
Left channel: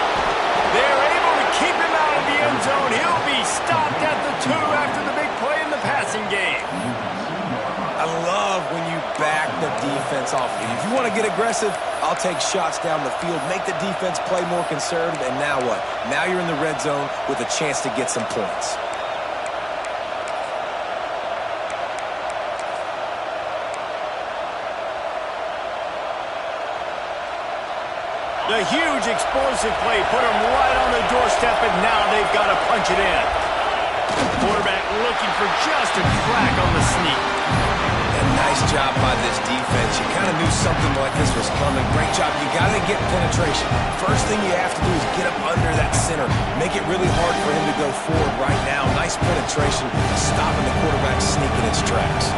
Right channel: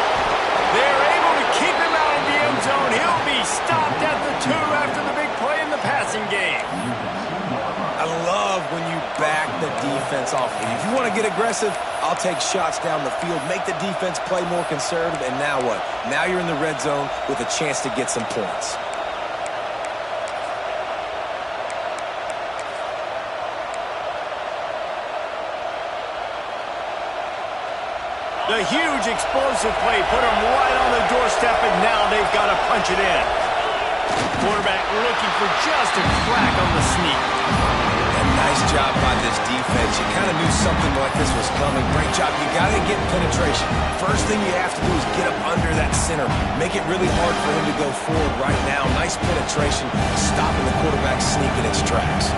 They're able to keep him out of the end zone. He'll be stopped at the 2 after the big play in the passing game. I love when you back the defense off. If you want to get aggressive, I'll take shots down the field, make the defense play more conservative, and now what? Now you're in the red zone with a chance to get some points. The huge explosive play put them right on the doorstep, and now they've got to punch it in. Quarterback looking for just a crack on the sneak. And nice job by this defense. You kind of knew something like this was coming. Great job. You got to get penetration. First thing you have to do is get up under that center. Make it really hard for him to go forward right now. Nice penetration, stopping the quarterback sneak in its tracks.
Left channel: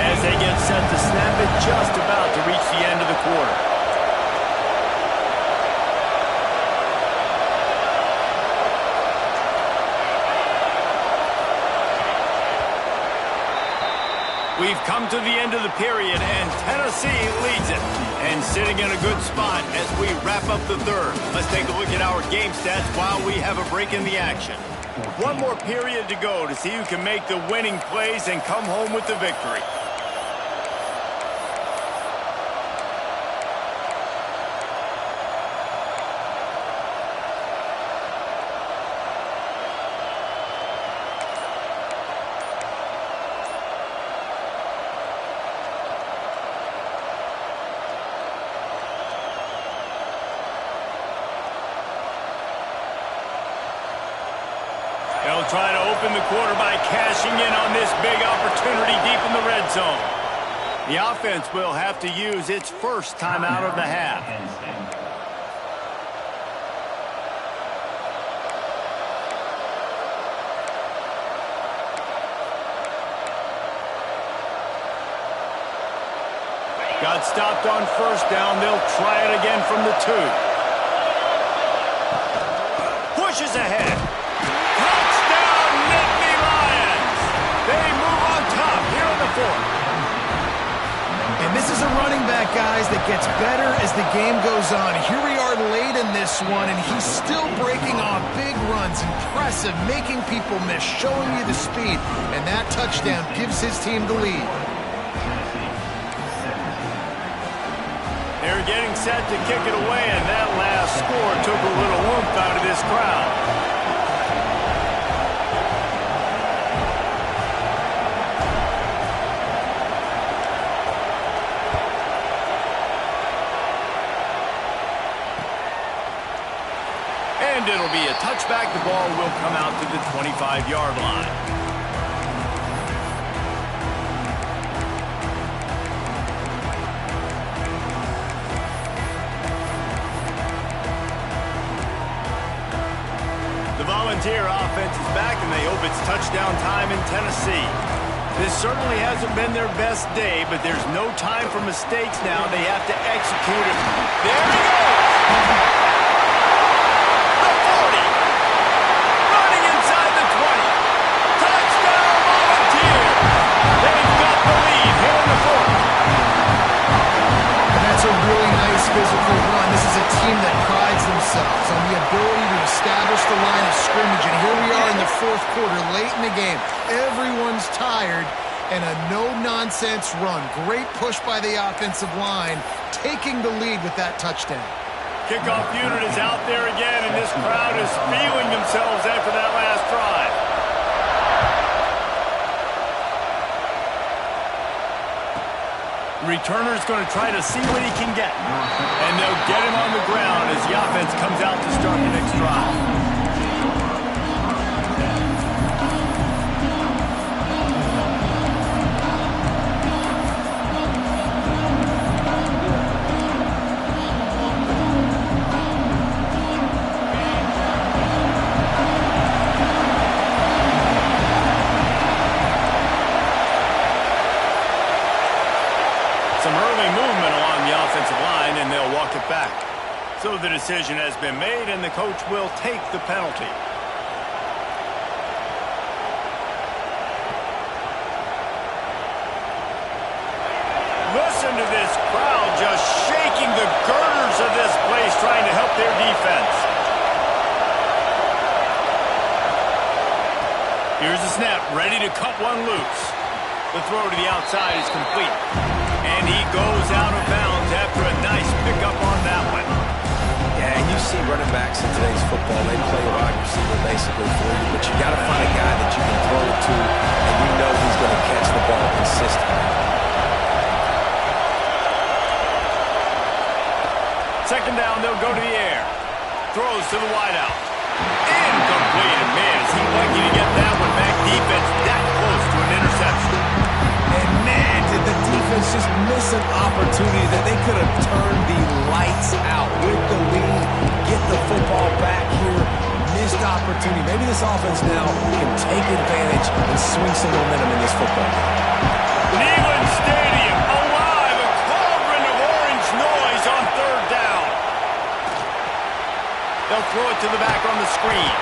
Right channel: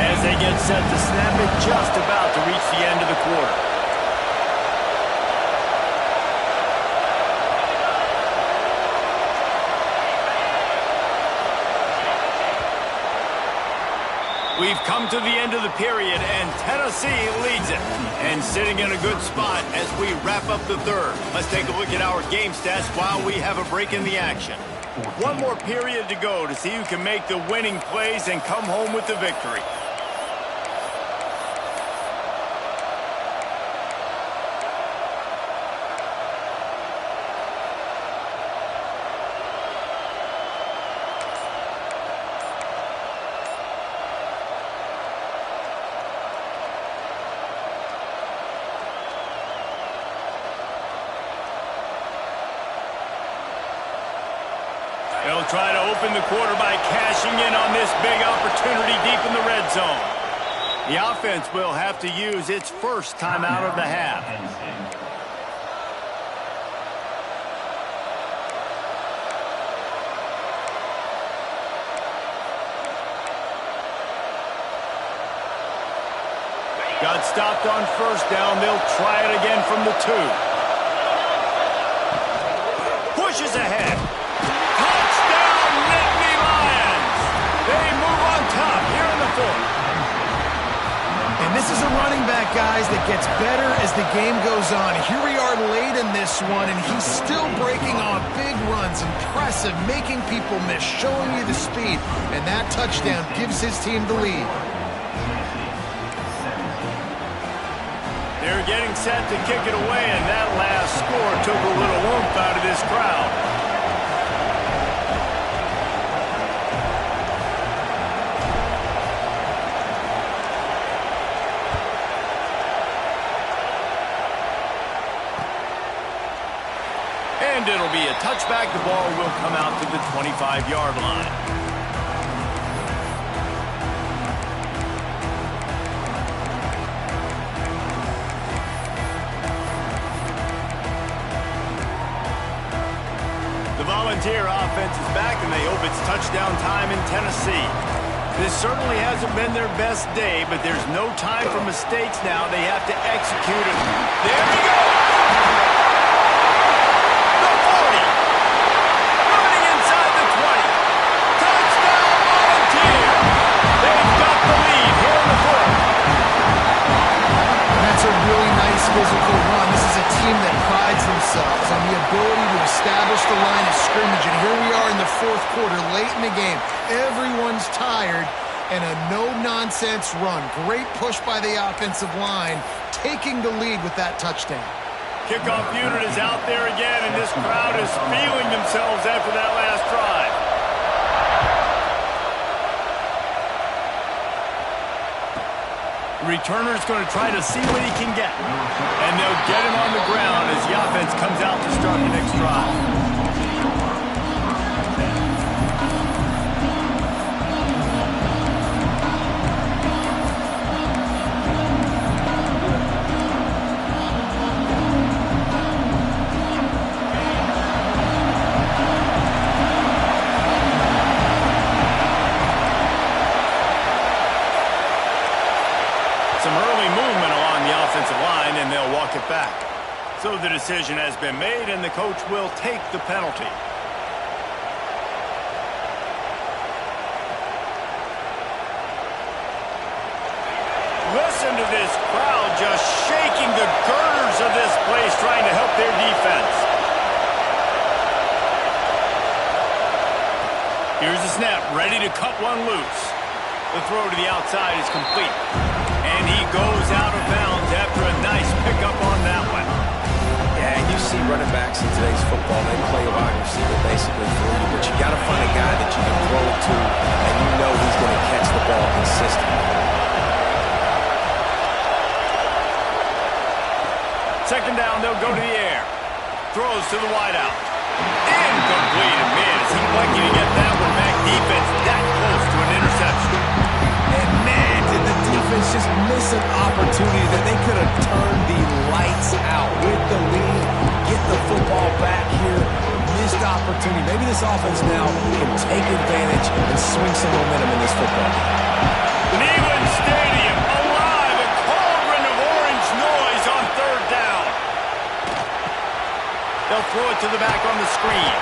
As they get set to snap it, just about to reach the end of the quarter. We've come to the end of the period, and Tennessee leads it. And sitting in a good spot as we wrap up the third. Let's take a look at our game stats while we have a break in the action. One more period to go to see who can make the winning plays and come home with the victory. They'll try to open the quarter by cashing in on this big opportunity deep in the red zone. The offense will have to use its first timeout of the half. Got stopped on first down. They'll try it again from the 2. Pushes ahead. Touchdown, Nittany Lions! They move on top here in the 4th. And this is a running back, guys, that gets better as the game goes on. Here we are late in this one, and he's still breaking off big runs. Impressive, making people miss, showing you the speed. And that touchdown gives his team the lead. They're getting set to kick it away, and that last score took a little oomph out of this crowd. And it'll be a touchback. The ball will come out to the 25-yard line. The Volunteer offense is back, and they hope it's touchdown time in Tennessee. This certainly hasn't been their best day, but there's no time for mistakes now. They have to execute it. There he goes! The 40! Running inside the 20. Touchdown, Volunteer! They've got the lead here in the 4th. That's a really nice physical run. This is a team that prides themselves on the ability to establish the line of scrimmage. And here we are in the 4th quarter, late in the game. Everyone's tired, and a no-nonsense run. Great push by the offensive line, taking the lead with that touchdown. Kickoff unit is out there again, and this crowd is feeling themselves after that last drive. Returner's going to try to see what he can get. And they'll get him on the ground as the offense comes out to start the next drive. Some early movement along the offensive line, and they'll walk it back. So the decision has been made, and the coach will take the penalty. Listen to this crowd just shaking the girders of this place, trying to help their defense. Here's the snap, ready to cut one loose. The throw to the outside is complete. And he goes out of bounds after a nice pickup on that one. Yeah, and you see running backs in today's football, they play wide receiver basically for you, but you got to find a guy that you can throw it to, and you know he's going to catch the ball consistently. Second down, they'll go to the air. Throws to the wideout. Incomplete, and man, is he lucky to get that one back. Defense that close to an interception. And man, did the defense just miss an opportunity that they could have turned the lights out with the lead, get the football back here. Missed opportunity. Maybe this offense now can take advantage and swing some momentum in this football game. Neyland Stadium, alive, a cauldron of orange noise on third down. They'll throw it to the back on the screen.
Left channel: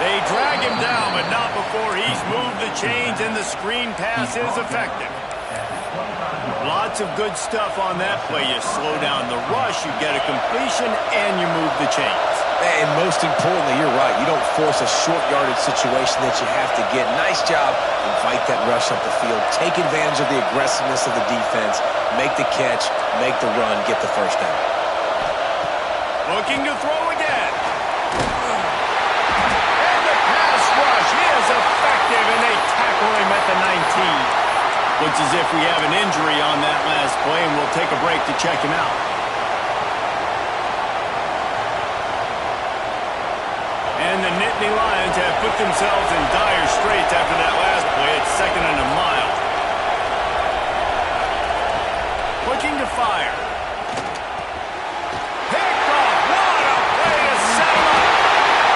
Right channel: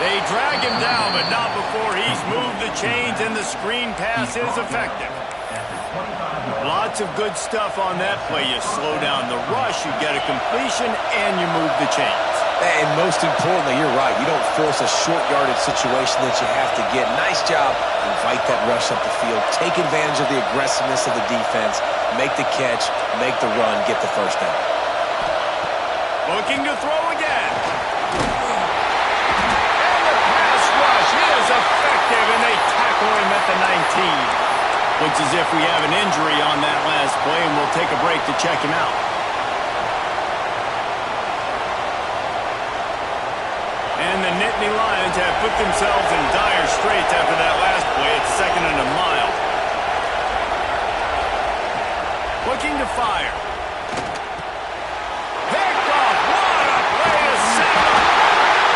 They drag him down, but not before he's moved the chains, and the screen pass is effective. Lots of good stuff on that play. You slow down the rush, you get a completion, and you move the chains. And most importantly, you're right. You don't force a short yardage situation that you have to get. Nice job. Invite that rush up the field. Take advantage of the aggressiveness of the defense. Make the catch, make the run, get the first down. Looking to throw again. And the pass rush is effective, and they tackle him at the 19. Looks as if we have an injury on that last play, and we'll take a break to check him out. And the Nittany Lions have put themselves in dire straits after that last play. It's 2nd and a mile. Looking to fire. Picked off. What a play to set him up.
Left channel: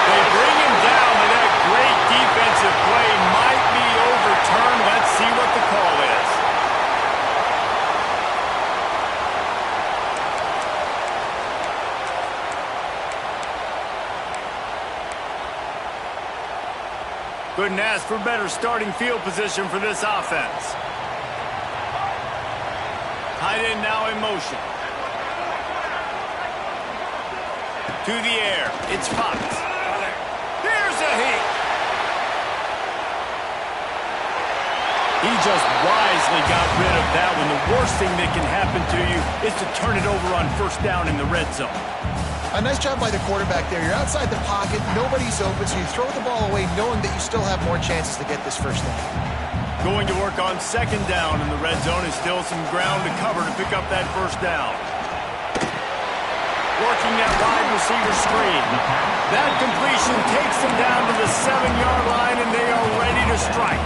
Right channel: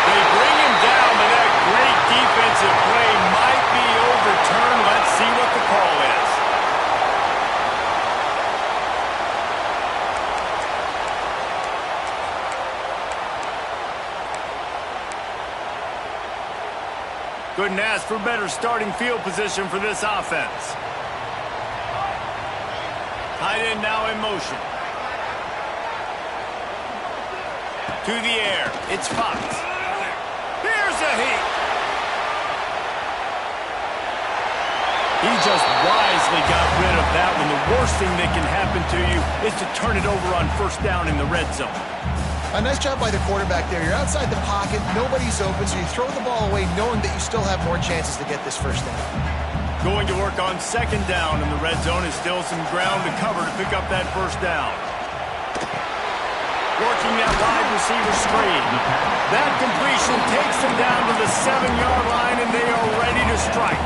They bring him down, but that great defensive play might be overturned. Let's see what the call is. Couldn't ask for better starting field position for this offense. Tight end now in motion. To the air. It's Fox. Here's a heat. He just wisely got rid of that one. The worst thing that can happen to you is to turn it over on 1st down in the red zone. A nice job by the quarterback there. You're outside the pocket, nobody's open, so you throw the ball away knowing that you still have more chances to get this 1st down. Going to work on 2nd down in the red zone is still some ground to cover to pick up that 1st down. Working that wide receiver screen. That completion takes them down to the 7-yard line, and they are ready to strike.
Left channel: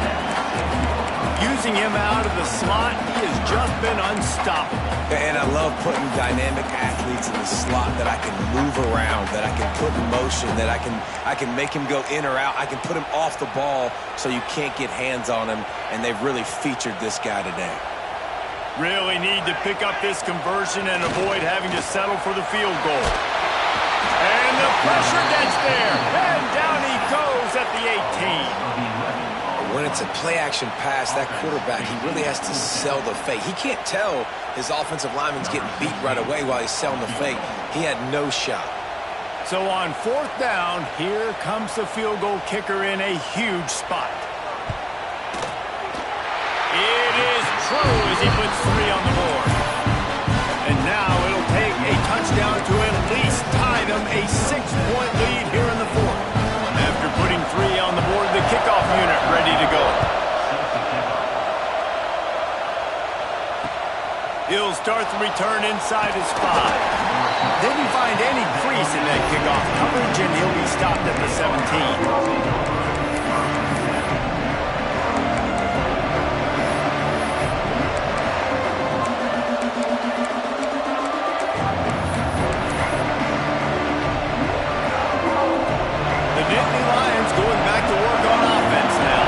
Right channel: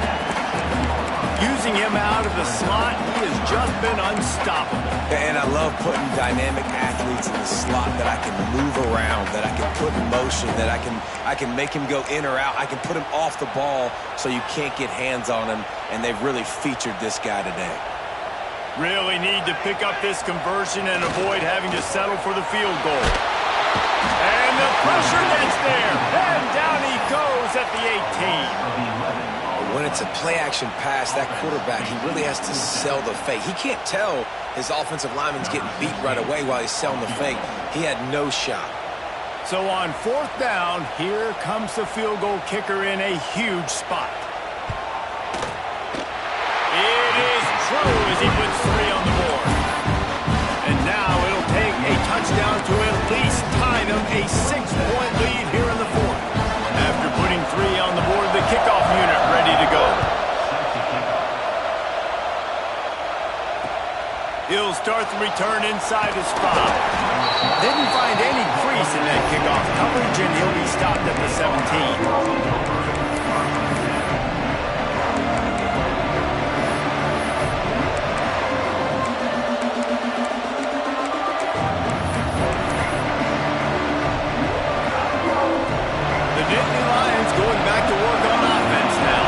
Using him out of the slot, he has just been unstoppable. And I love putting dynamic athletes in the slot that I can move around, that I can put in motion, that I can make him go in or out. I can put him off the ball so you can't get hands on him, and they've really featured this guy today. Really need to pick up this conversion and avoid having to settle for the field goal. And the pressure gets there, and down he goes at the 18. When it's a play-action pass, that quarterback, he really has to sell the fake. He can't tell his offensive lineman's getting beat right away while he's selling the fake. He had no shot. So on 4th down, here comes the field goal kicker in a huge spot. It is true as he puts 3 on the board. And now it'll take a touchdown to at least tie them a 6-point lead here in the 4th. After putting 3 on the board, the kickoff unit ready to go. He'll start the return inside his 5. Didn't find any crease in that kickoff coverage, and he'll be stopped at the 17. Going back to work on offense now.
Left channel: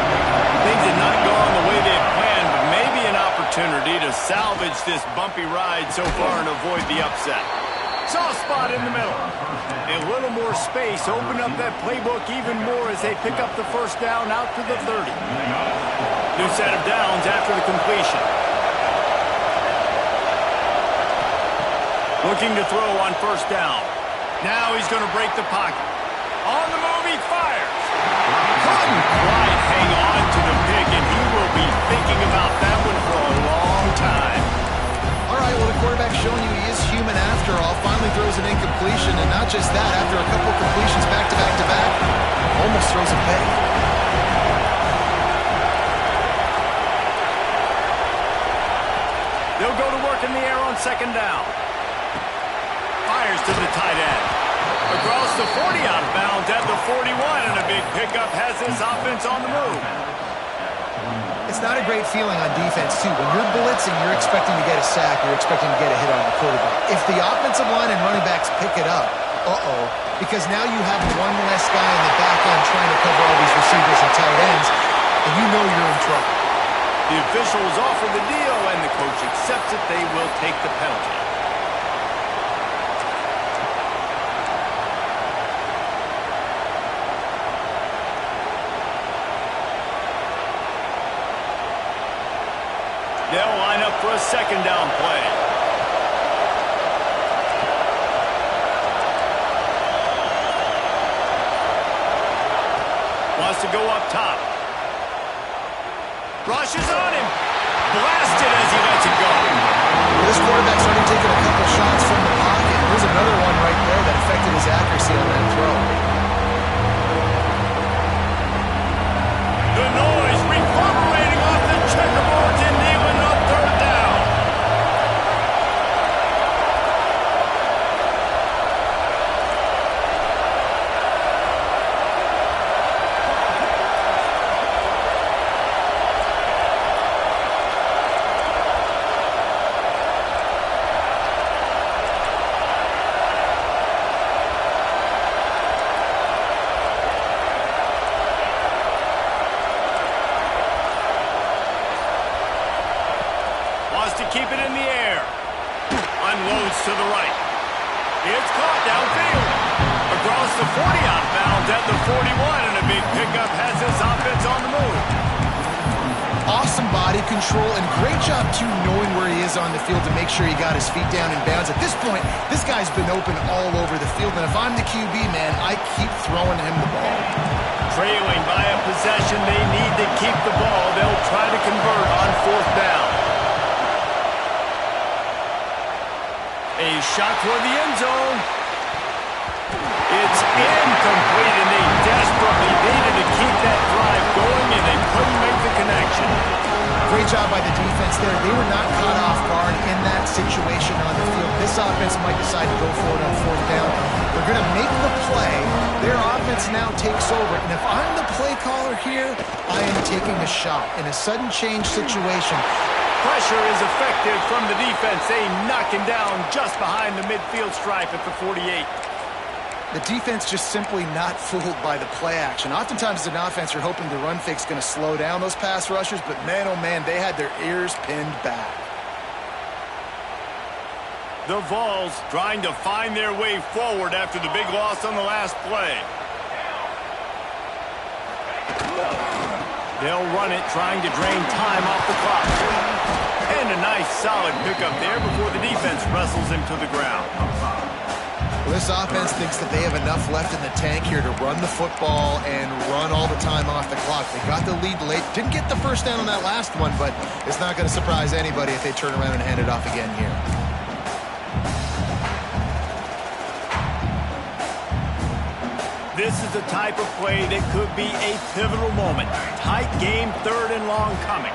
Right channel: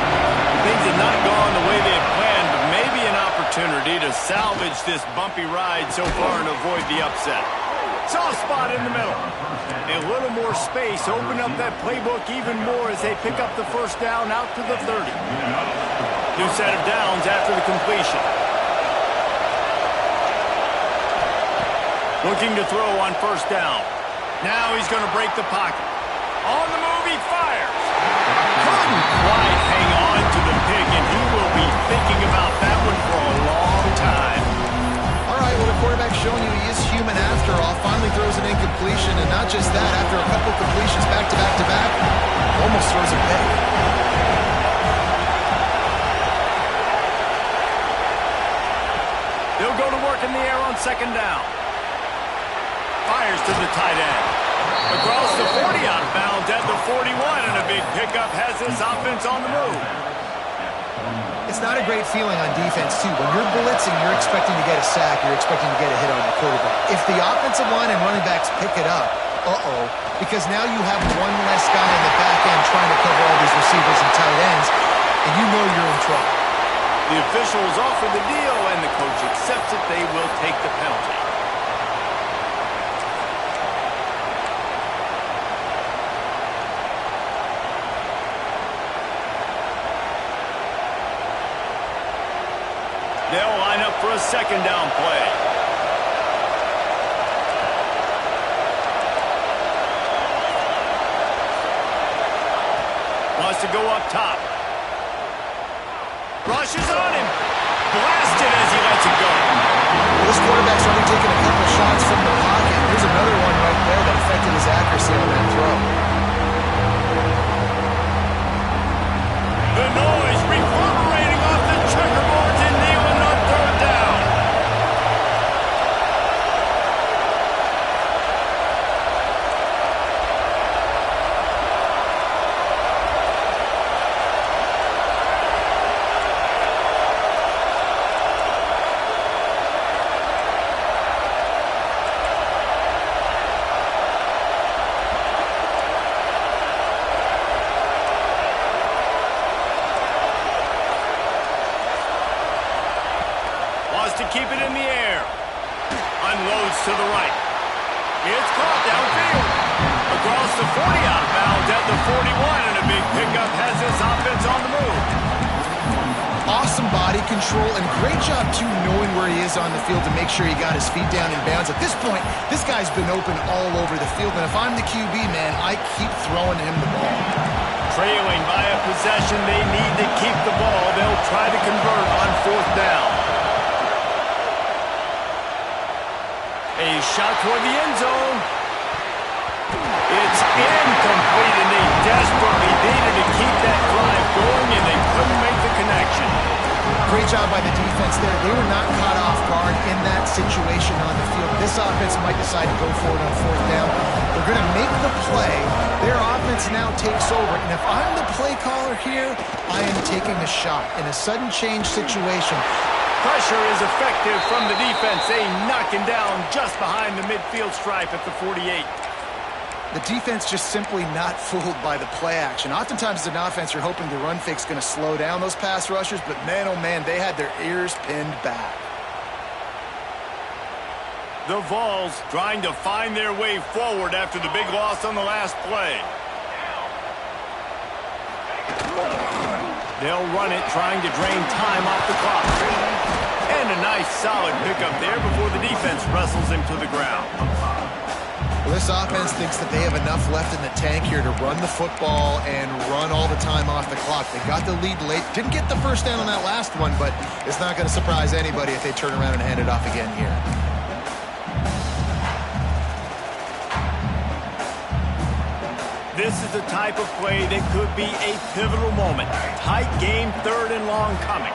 Things had not gone the way they had planned, but maybe an opportunity to salvage this bumpy ride so far and avoid the upset. Soft spot in the middle. A little more space, open up that playbook even more as they pick up the 1st down out to the 30. New set of downs after the completion. Looking to throw on 1st down. Now he's going to break the pocket. On the move, he fires. Couldn't quite hang on to the pick, and he will be thinking about that one for a long time. All right, well, the quarterback's showing you he is human after all. Finally throws an incompletion, and not just that, after a couple completions back-to-back-to-back, almost throws a pick. They'll go to work in the air on 2nd down. Fires to the tight end. Across the 40, out of bounds at the 41, and a big pickup has this offense on the move. It's not a great feeling on defense, too. When you're blitzing, you're expecting to get a sack. You're expecting to get a hit on your quarterback. If the offensive line and running backs pick it up, because now you have one less guy in the back end trying to cover all these receivers and tight ends, and you know you're in trouble. The officials offer the deal, and the coach accepts it. They will take the penalty. They'll line up for a 2nd down play. Wants to go up top. Rushes on him. Blasted as he lets it go. Well, this quarterback's already taken a couple shots from the pocket. There's another one right there that affected his accuracy on that throw. The noise reverberating off the checkerboards in Neyland on 3rd down. to keep it in the air. Unloads to the right. It's caught downfield. Across the 40, out of bounds at the 41, and a big pickup has this offense on the move. Awesome body control, and great job, too, knowing where he is on the field to make sure he got his feet down in bounds. At this point, this guy's been open all over the field, and if I'm the QB, man, I keep throwing him the ball. Trailing by a possession, they need to keep the ball. They'll try to convert on 4th down. A shot toward the end zone. It's incomplete, and they desperately needed to keep that drive going, and they couldn't make the connection. Great job by the defense there. They were not caught off guard in that situation on the field. This offense might decide to go for it on 4th down. They're going to make the play. Their offense now takes over, and if I'm the play caller here, I am taking a shot in a sudden change situation. Pressure is effective from the defense. They knock him down just behind the midfield stripe at the 48. The defense just simply not fooled by the play action. Oftentimes as an offense, you're hoping the run fake's going to slow down those pass rushers, but man, oh man, they had their ears pinned back. The Vols trying to find their way forward after the big loss on the last play. They'll run it, trying to drain time off the clock. And a nice solid pickup there before the defense wrestles him to the ground. Well, this offense thinks that they have enough left in the tank here to run the football and run all the time off the clock. They got the lead late. Didn't get the first down on that last one, but it's not going to surprise anybody if they turn around and hand it off again here. This is the type of play that could be a pivotal moment. Tight game, 3rd and long coming.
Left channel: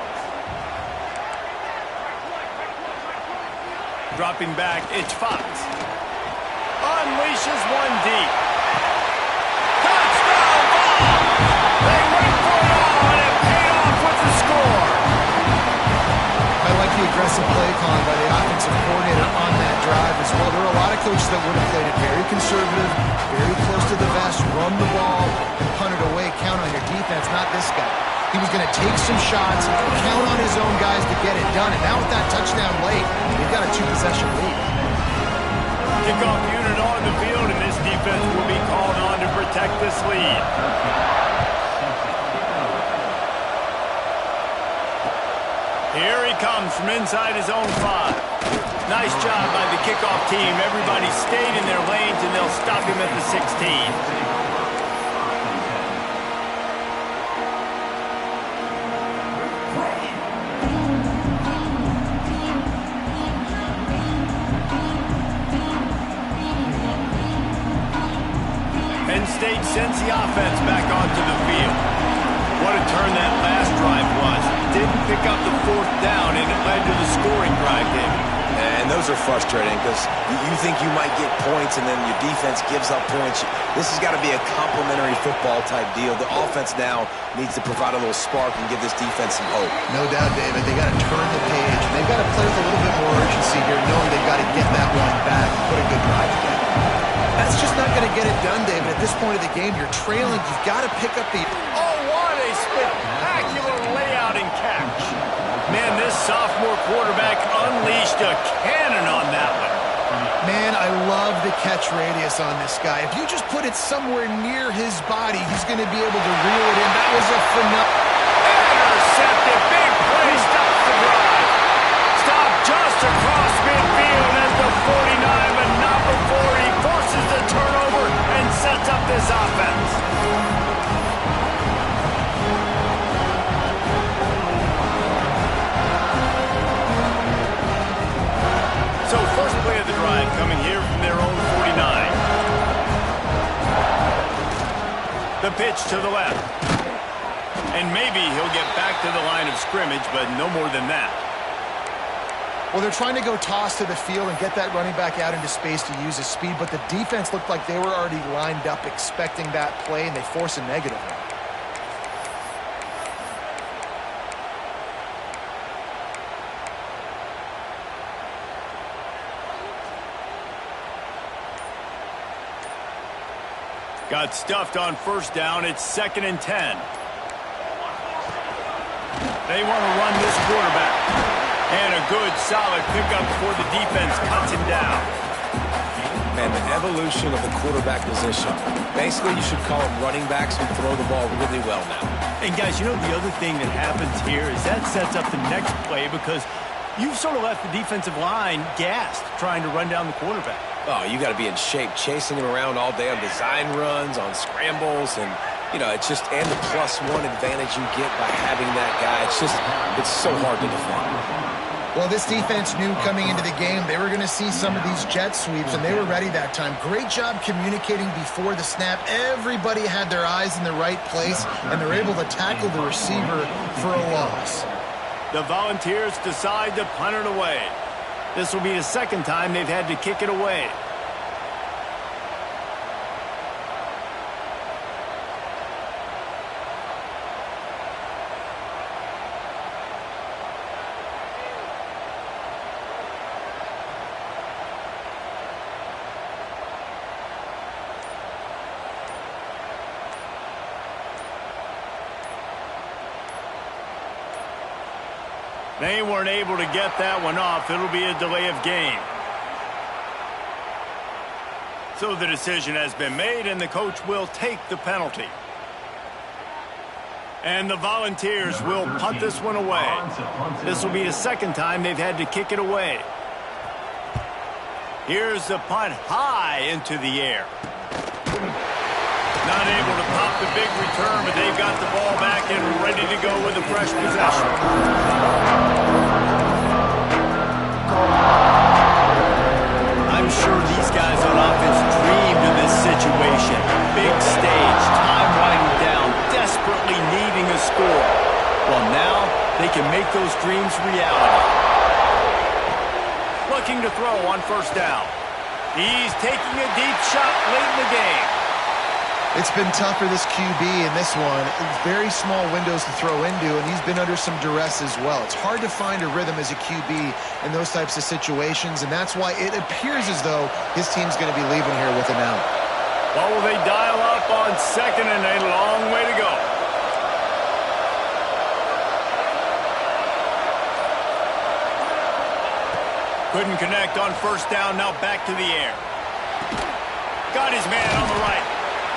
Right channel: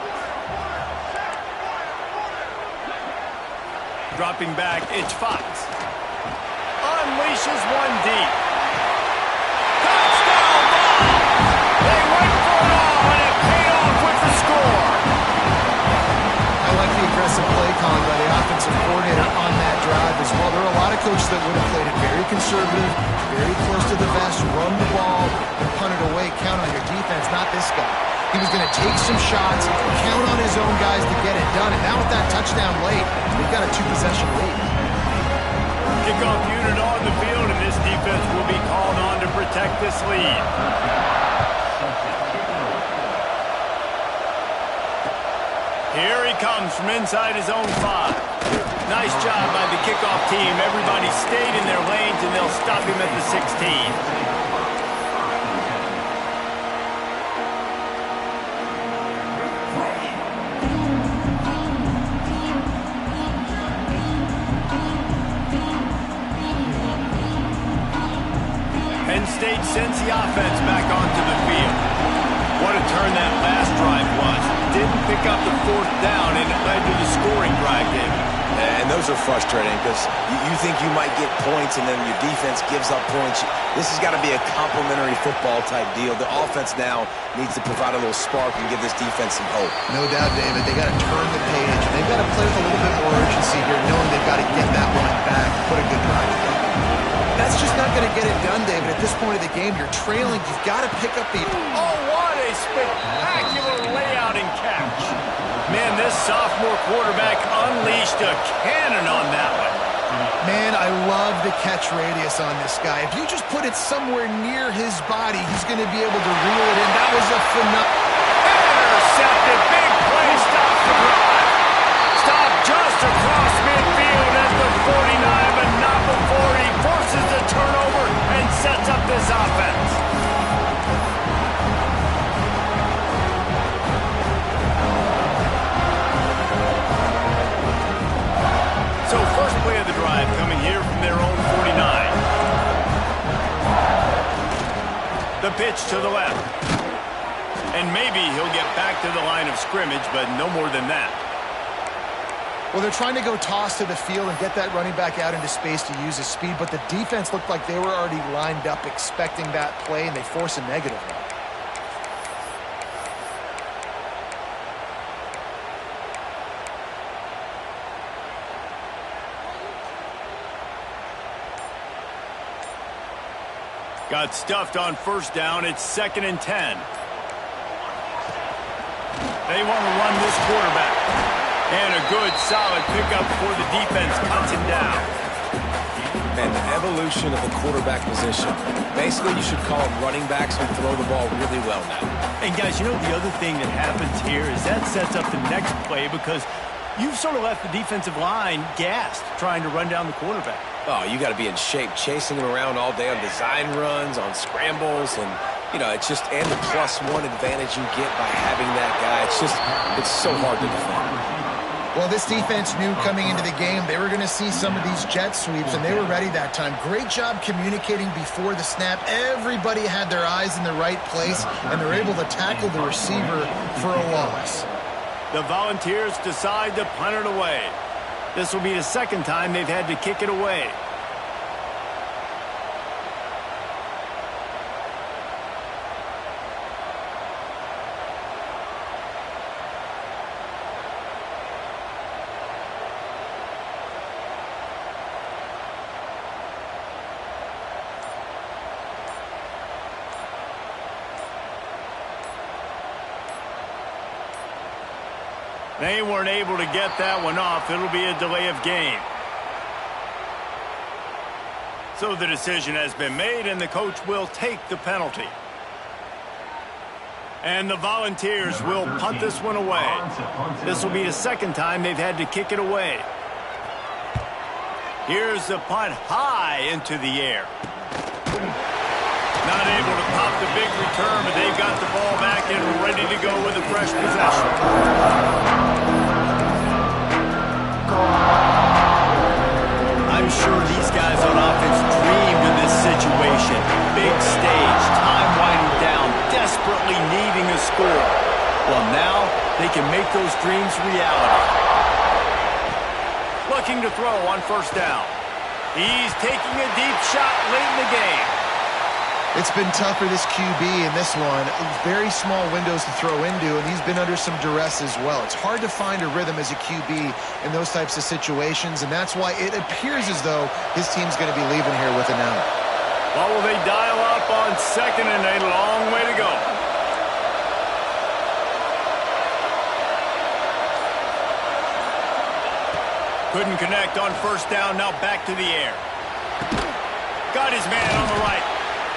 Dropping back, it's Fox. Unleashes one deep. Touchdown ball! They went for it all, and it paid off with the score. I like the aggressive play calling by the offensive coordinator on that drive as well. There are a lot of coaches that would have played it very conservative, very close to the vest, run the ball, and punt it away. Count on your defense, not this guy. He was going to take some shots, count on his own guys to get it done. And now with that touchdown late, they've got a 2-possession lead. Kickoff unit on the field, and this defense will be called on to protect this lead. Here he comes from inside his own 5. Nice job by the kickoff team. Everybody stayed in their lanes, and they'll stop him at the 16. Penn State sends the offense back onto the field. What a turn that last drive was. Didn't pick up the 4th down, and it led to the scoring drive, David. And those are frustrating because you think you might get points and then your defense gives up points. This has got to be a complementary football type deal. The offense now needs to provide a little spark and give this defense some hope. No doubt, David. They got to turn the page. They've got to play with a little bit more urgency here, knowing they've got to get that one back and put a good drive together. That's just not going to get it done, David. At this point of the game, you're trailing. You've got to pick up the... Oh, what a spectacular layout and catch. Man, this sophomore quarterback unleashed a cannon on that one. Man, I love the catch radius on this guy. If you just put it somewhere near his body, he's going to be able to reel it in. That was a phenomenal... Intercepted. Big play. Stops the drive. Stop just across midfield at the 49, but not before he forces the turnover and sets up this offense. So first play of the drive coming here from their own 49. The pitch to the left. And maybe he'll get back to the line of scrimmage, but no more than that. Well, they're trying to go toss to the field and get that running back out into space to use his speed, but the defense looked like they were already lined up expecting that play, and they force a negative one. Got stuffed on first down. It's 2nd and 10. They want to run this quarterback. And a good, solid pickup before the defense cuts him down. Man, the evolution of the quarterback position. Basically, you should call them running backs who throw the ball really well now. And, guys, you know the other thing that happens here is that sets up the next play because you've sort of left the defensive line gassed trying to run down the quarterback. Oh, you got to be in shape, chasing him around all day on design runs, on scrambles, and, you know, it's just, and the +1 advantage you get by having that guy. It's so hard to defend. Well, this defense knew coming into the game they were going to see some of these jet sweeps, and they were ready that time. Great job communicating before the snap. Everybody had their eyes in the right place, and they're able to tackle the receiver for a loss. The Volunteers decide to punt it away. This will be the second time they've had to kick it away. They weren't able to get that one off. It'll be a delay of game. So the decision has been made, and the coach will take the penalty. And the Volunteers will punt this one away. This will be the second time they've had to kick it away. Here's the punt high into the air. Not able to pop the big return, but they've got the ball back and ready to go with a fresh possession. I'm sure these guys on offense dreamed of this situation. Big stage, time winding down, desperately needing a score. Well, now they can make those dreams reality. Looking to throw on first down. He's taking a deep shot late in the game. It's been tough for this QB in this one. Very small windows to throw into, and he's been under some duress as well. It's hard to find a rhythm as a QB in those types of situations, and that's why it appears as though his team's going to be leaving here with an out. Well, will they dial up on second and a long way to go? Couldn't connect on first down, now back to the air. Got his man on the right.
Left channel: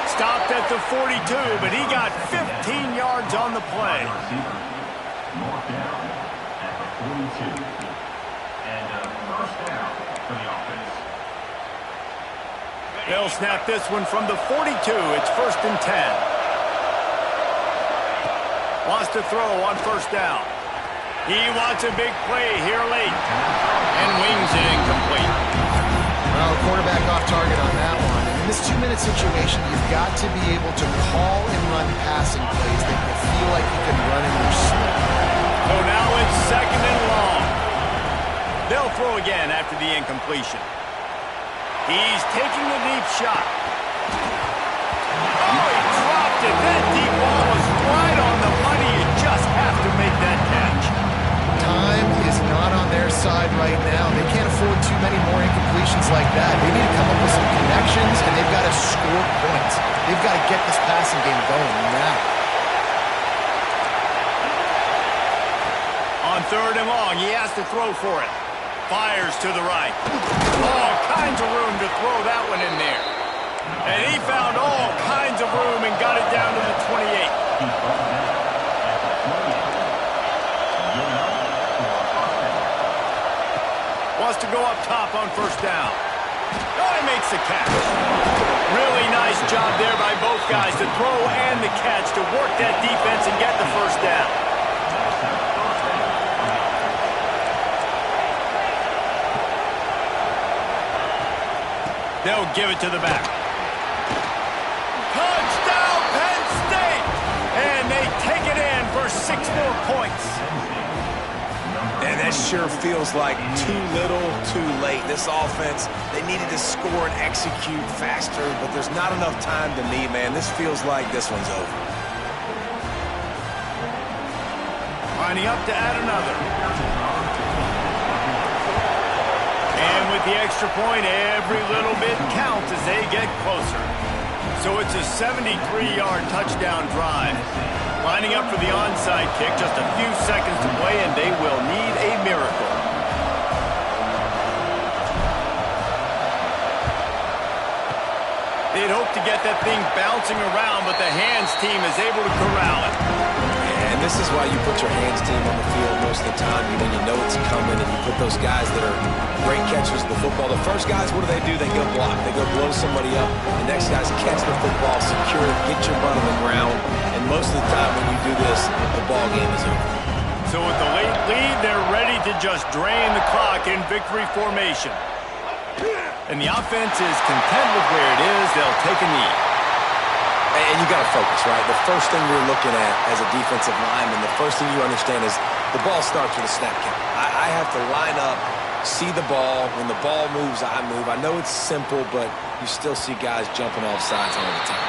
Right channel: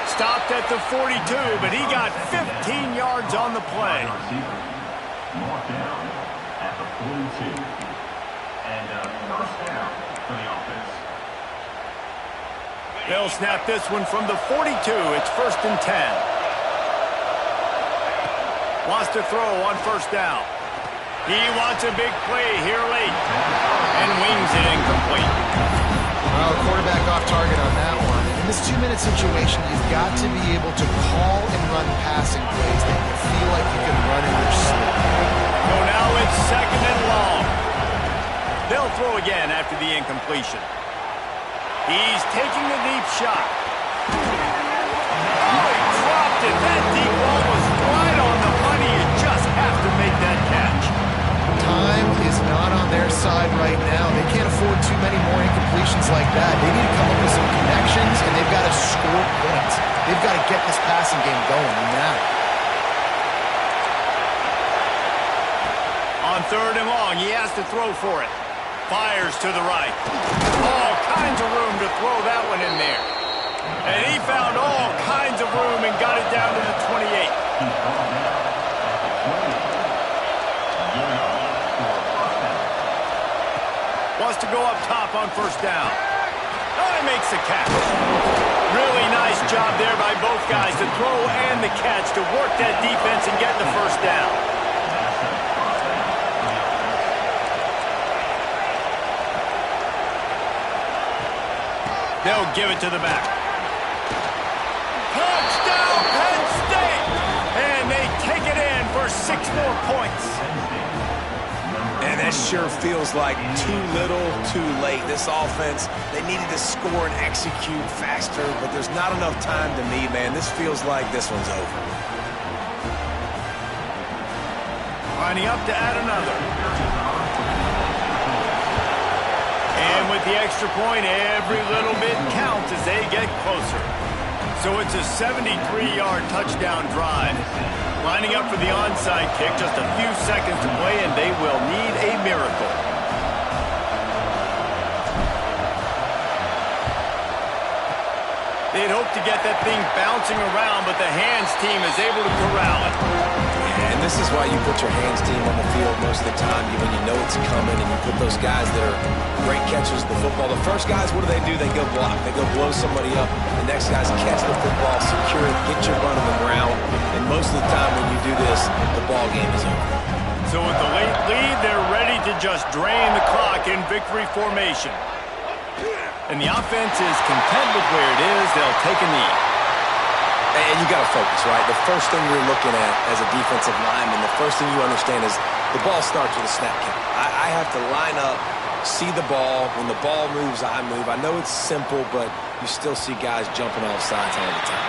Stopped at the 42, but he got 15 yards on the play. Marked down at the 42. And first down for the offense. They'll snap this one from the 42. It's 1st and 10. Wants to throw on first down. He wants a big play here late. And wings it incomplete. Well, quarterback off target on that one. And in this 2-minute situation, you've got to be able to call and run passing plays that you feel like you can run in your sleep. So now it's second and long. They'll throw again after the incompletion. He's taking a deep shot. Oh, he dropped it. That deep ball was right on the money. You just have to make that catch. Time is not on their side right now. They can't afford too many more incompletions like that. They need to come up with some connections, and they've got to score points. They've got to get this passing game going now. On 3rd and long, he has to throw for it. Fires to the right. All kinds of room to throw that one in there. And he found all kinds of room and got it down to the 28. He's brought down at the 28. Wants to go up top on first down. Oh, he makes the catch. Really nice job there by both guys to throw and the catch to work that defense and get the first down. They'll give it to the back. Touchdown, Penn State! And they take it in for 6 more points. And that sure feels like too little, too late. This offense, they needed to score and execute faster, but there's not enough time to me, man. This feels like this one's over. Lining up to add another. And with the extra point, every little bit counts as they get closer. So it's a 73-yard touchdown drive. Lining up for the onside kick, just a few seconds to play, and they will need a miracle. They'd hope to get that thing bouncing around, but the hands team is able to corral it. And this is why you put your hands team on the field most of the time when you know it's coming, and you put those guys that are great catchers of the football. The first guys, what do? They go block. They go blow somebody up. The next guys catch the football, secure it, get your butt on the ground. And most of the time when you do this, the ball game is over. So with the late lead, they're ready to just drain the clock in victory formation. And the offense is content with where it is. They'll take a knee. And you got to focus, right? The first thing you're looking at as a defensive lineman, the first thing you understand is the ball starts with a snap count. I have to line up, see the ball. When the ball moves, I move. I know it's simple, but you still see guys jumping off sides all the time.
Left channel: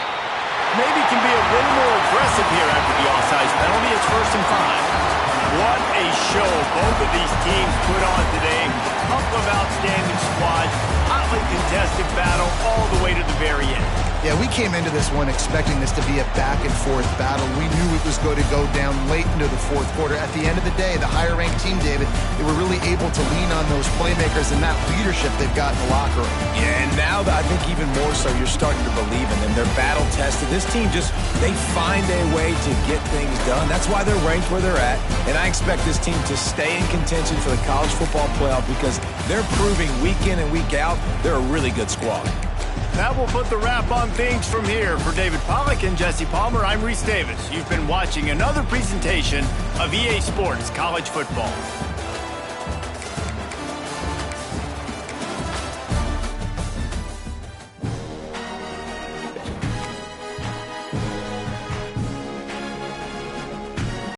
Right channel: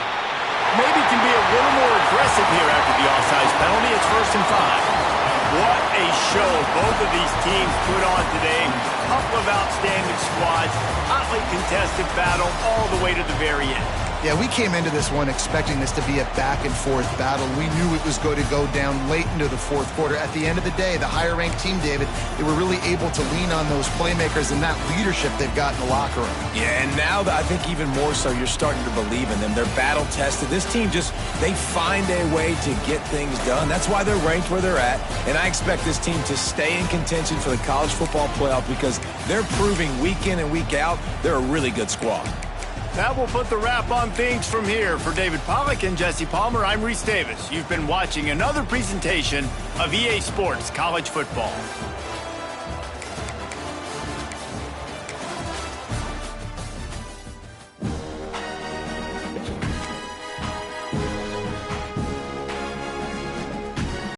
Maybe can be a little more aggressive here after the offsides penalty. It's 1st and 5. What a show both of these teams put on today. A couple of outstanding squads, hotly contested battle all the way to the very end. Yeah, we came into this one expecting this to be a back-and-forth battle. We knew it was going to go down late into the fourth quarter. At the end of the day, the higher-ranked team, David, they were really able to lean on those playmakers and that leadership they've got in the locker room. Yeah, and now I think even more so, you're starting to believe in them. They're battle-tested. This team they find a way to get things done. That's why they're ranked where they're at. And I expect this team to stay in contention for the college football playoff because they're proving week in and week out they're a really good squad. That will put the wrap on things from here. For David Pollack and Jesse Palmer, I'm Reese Davis. You've been watching another presentation of EA Sports College Football.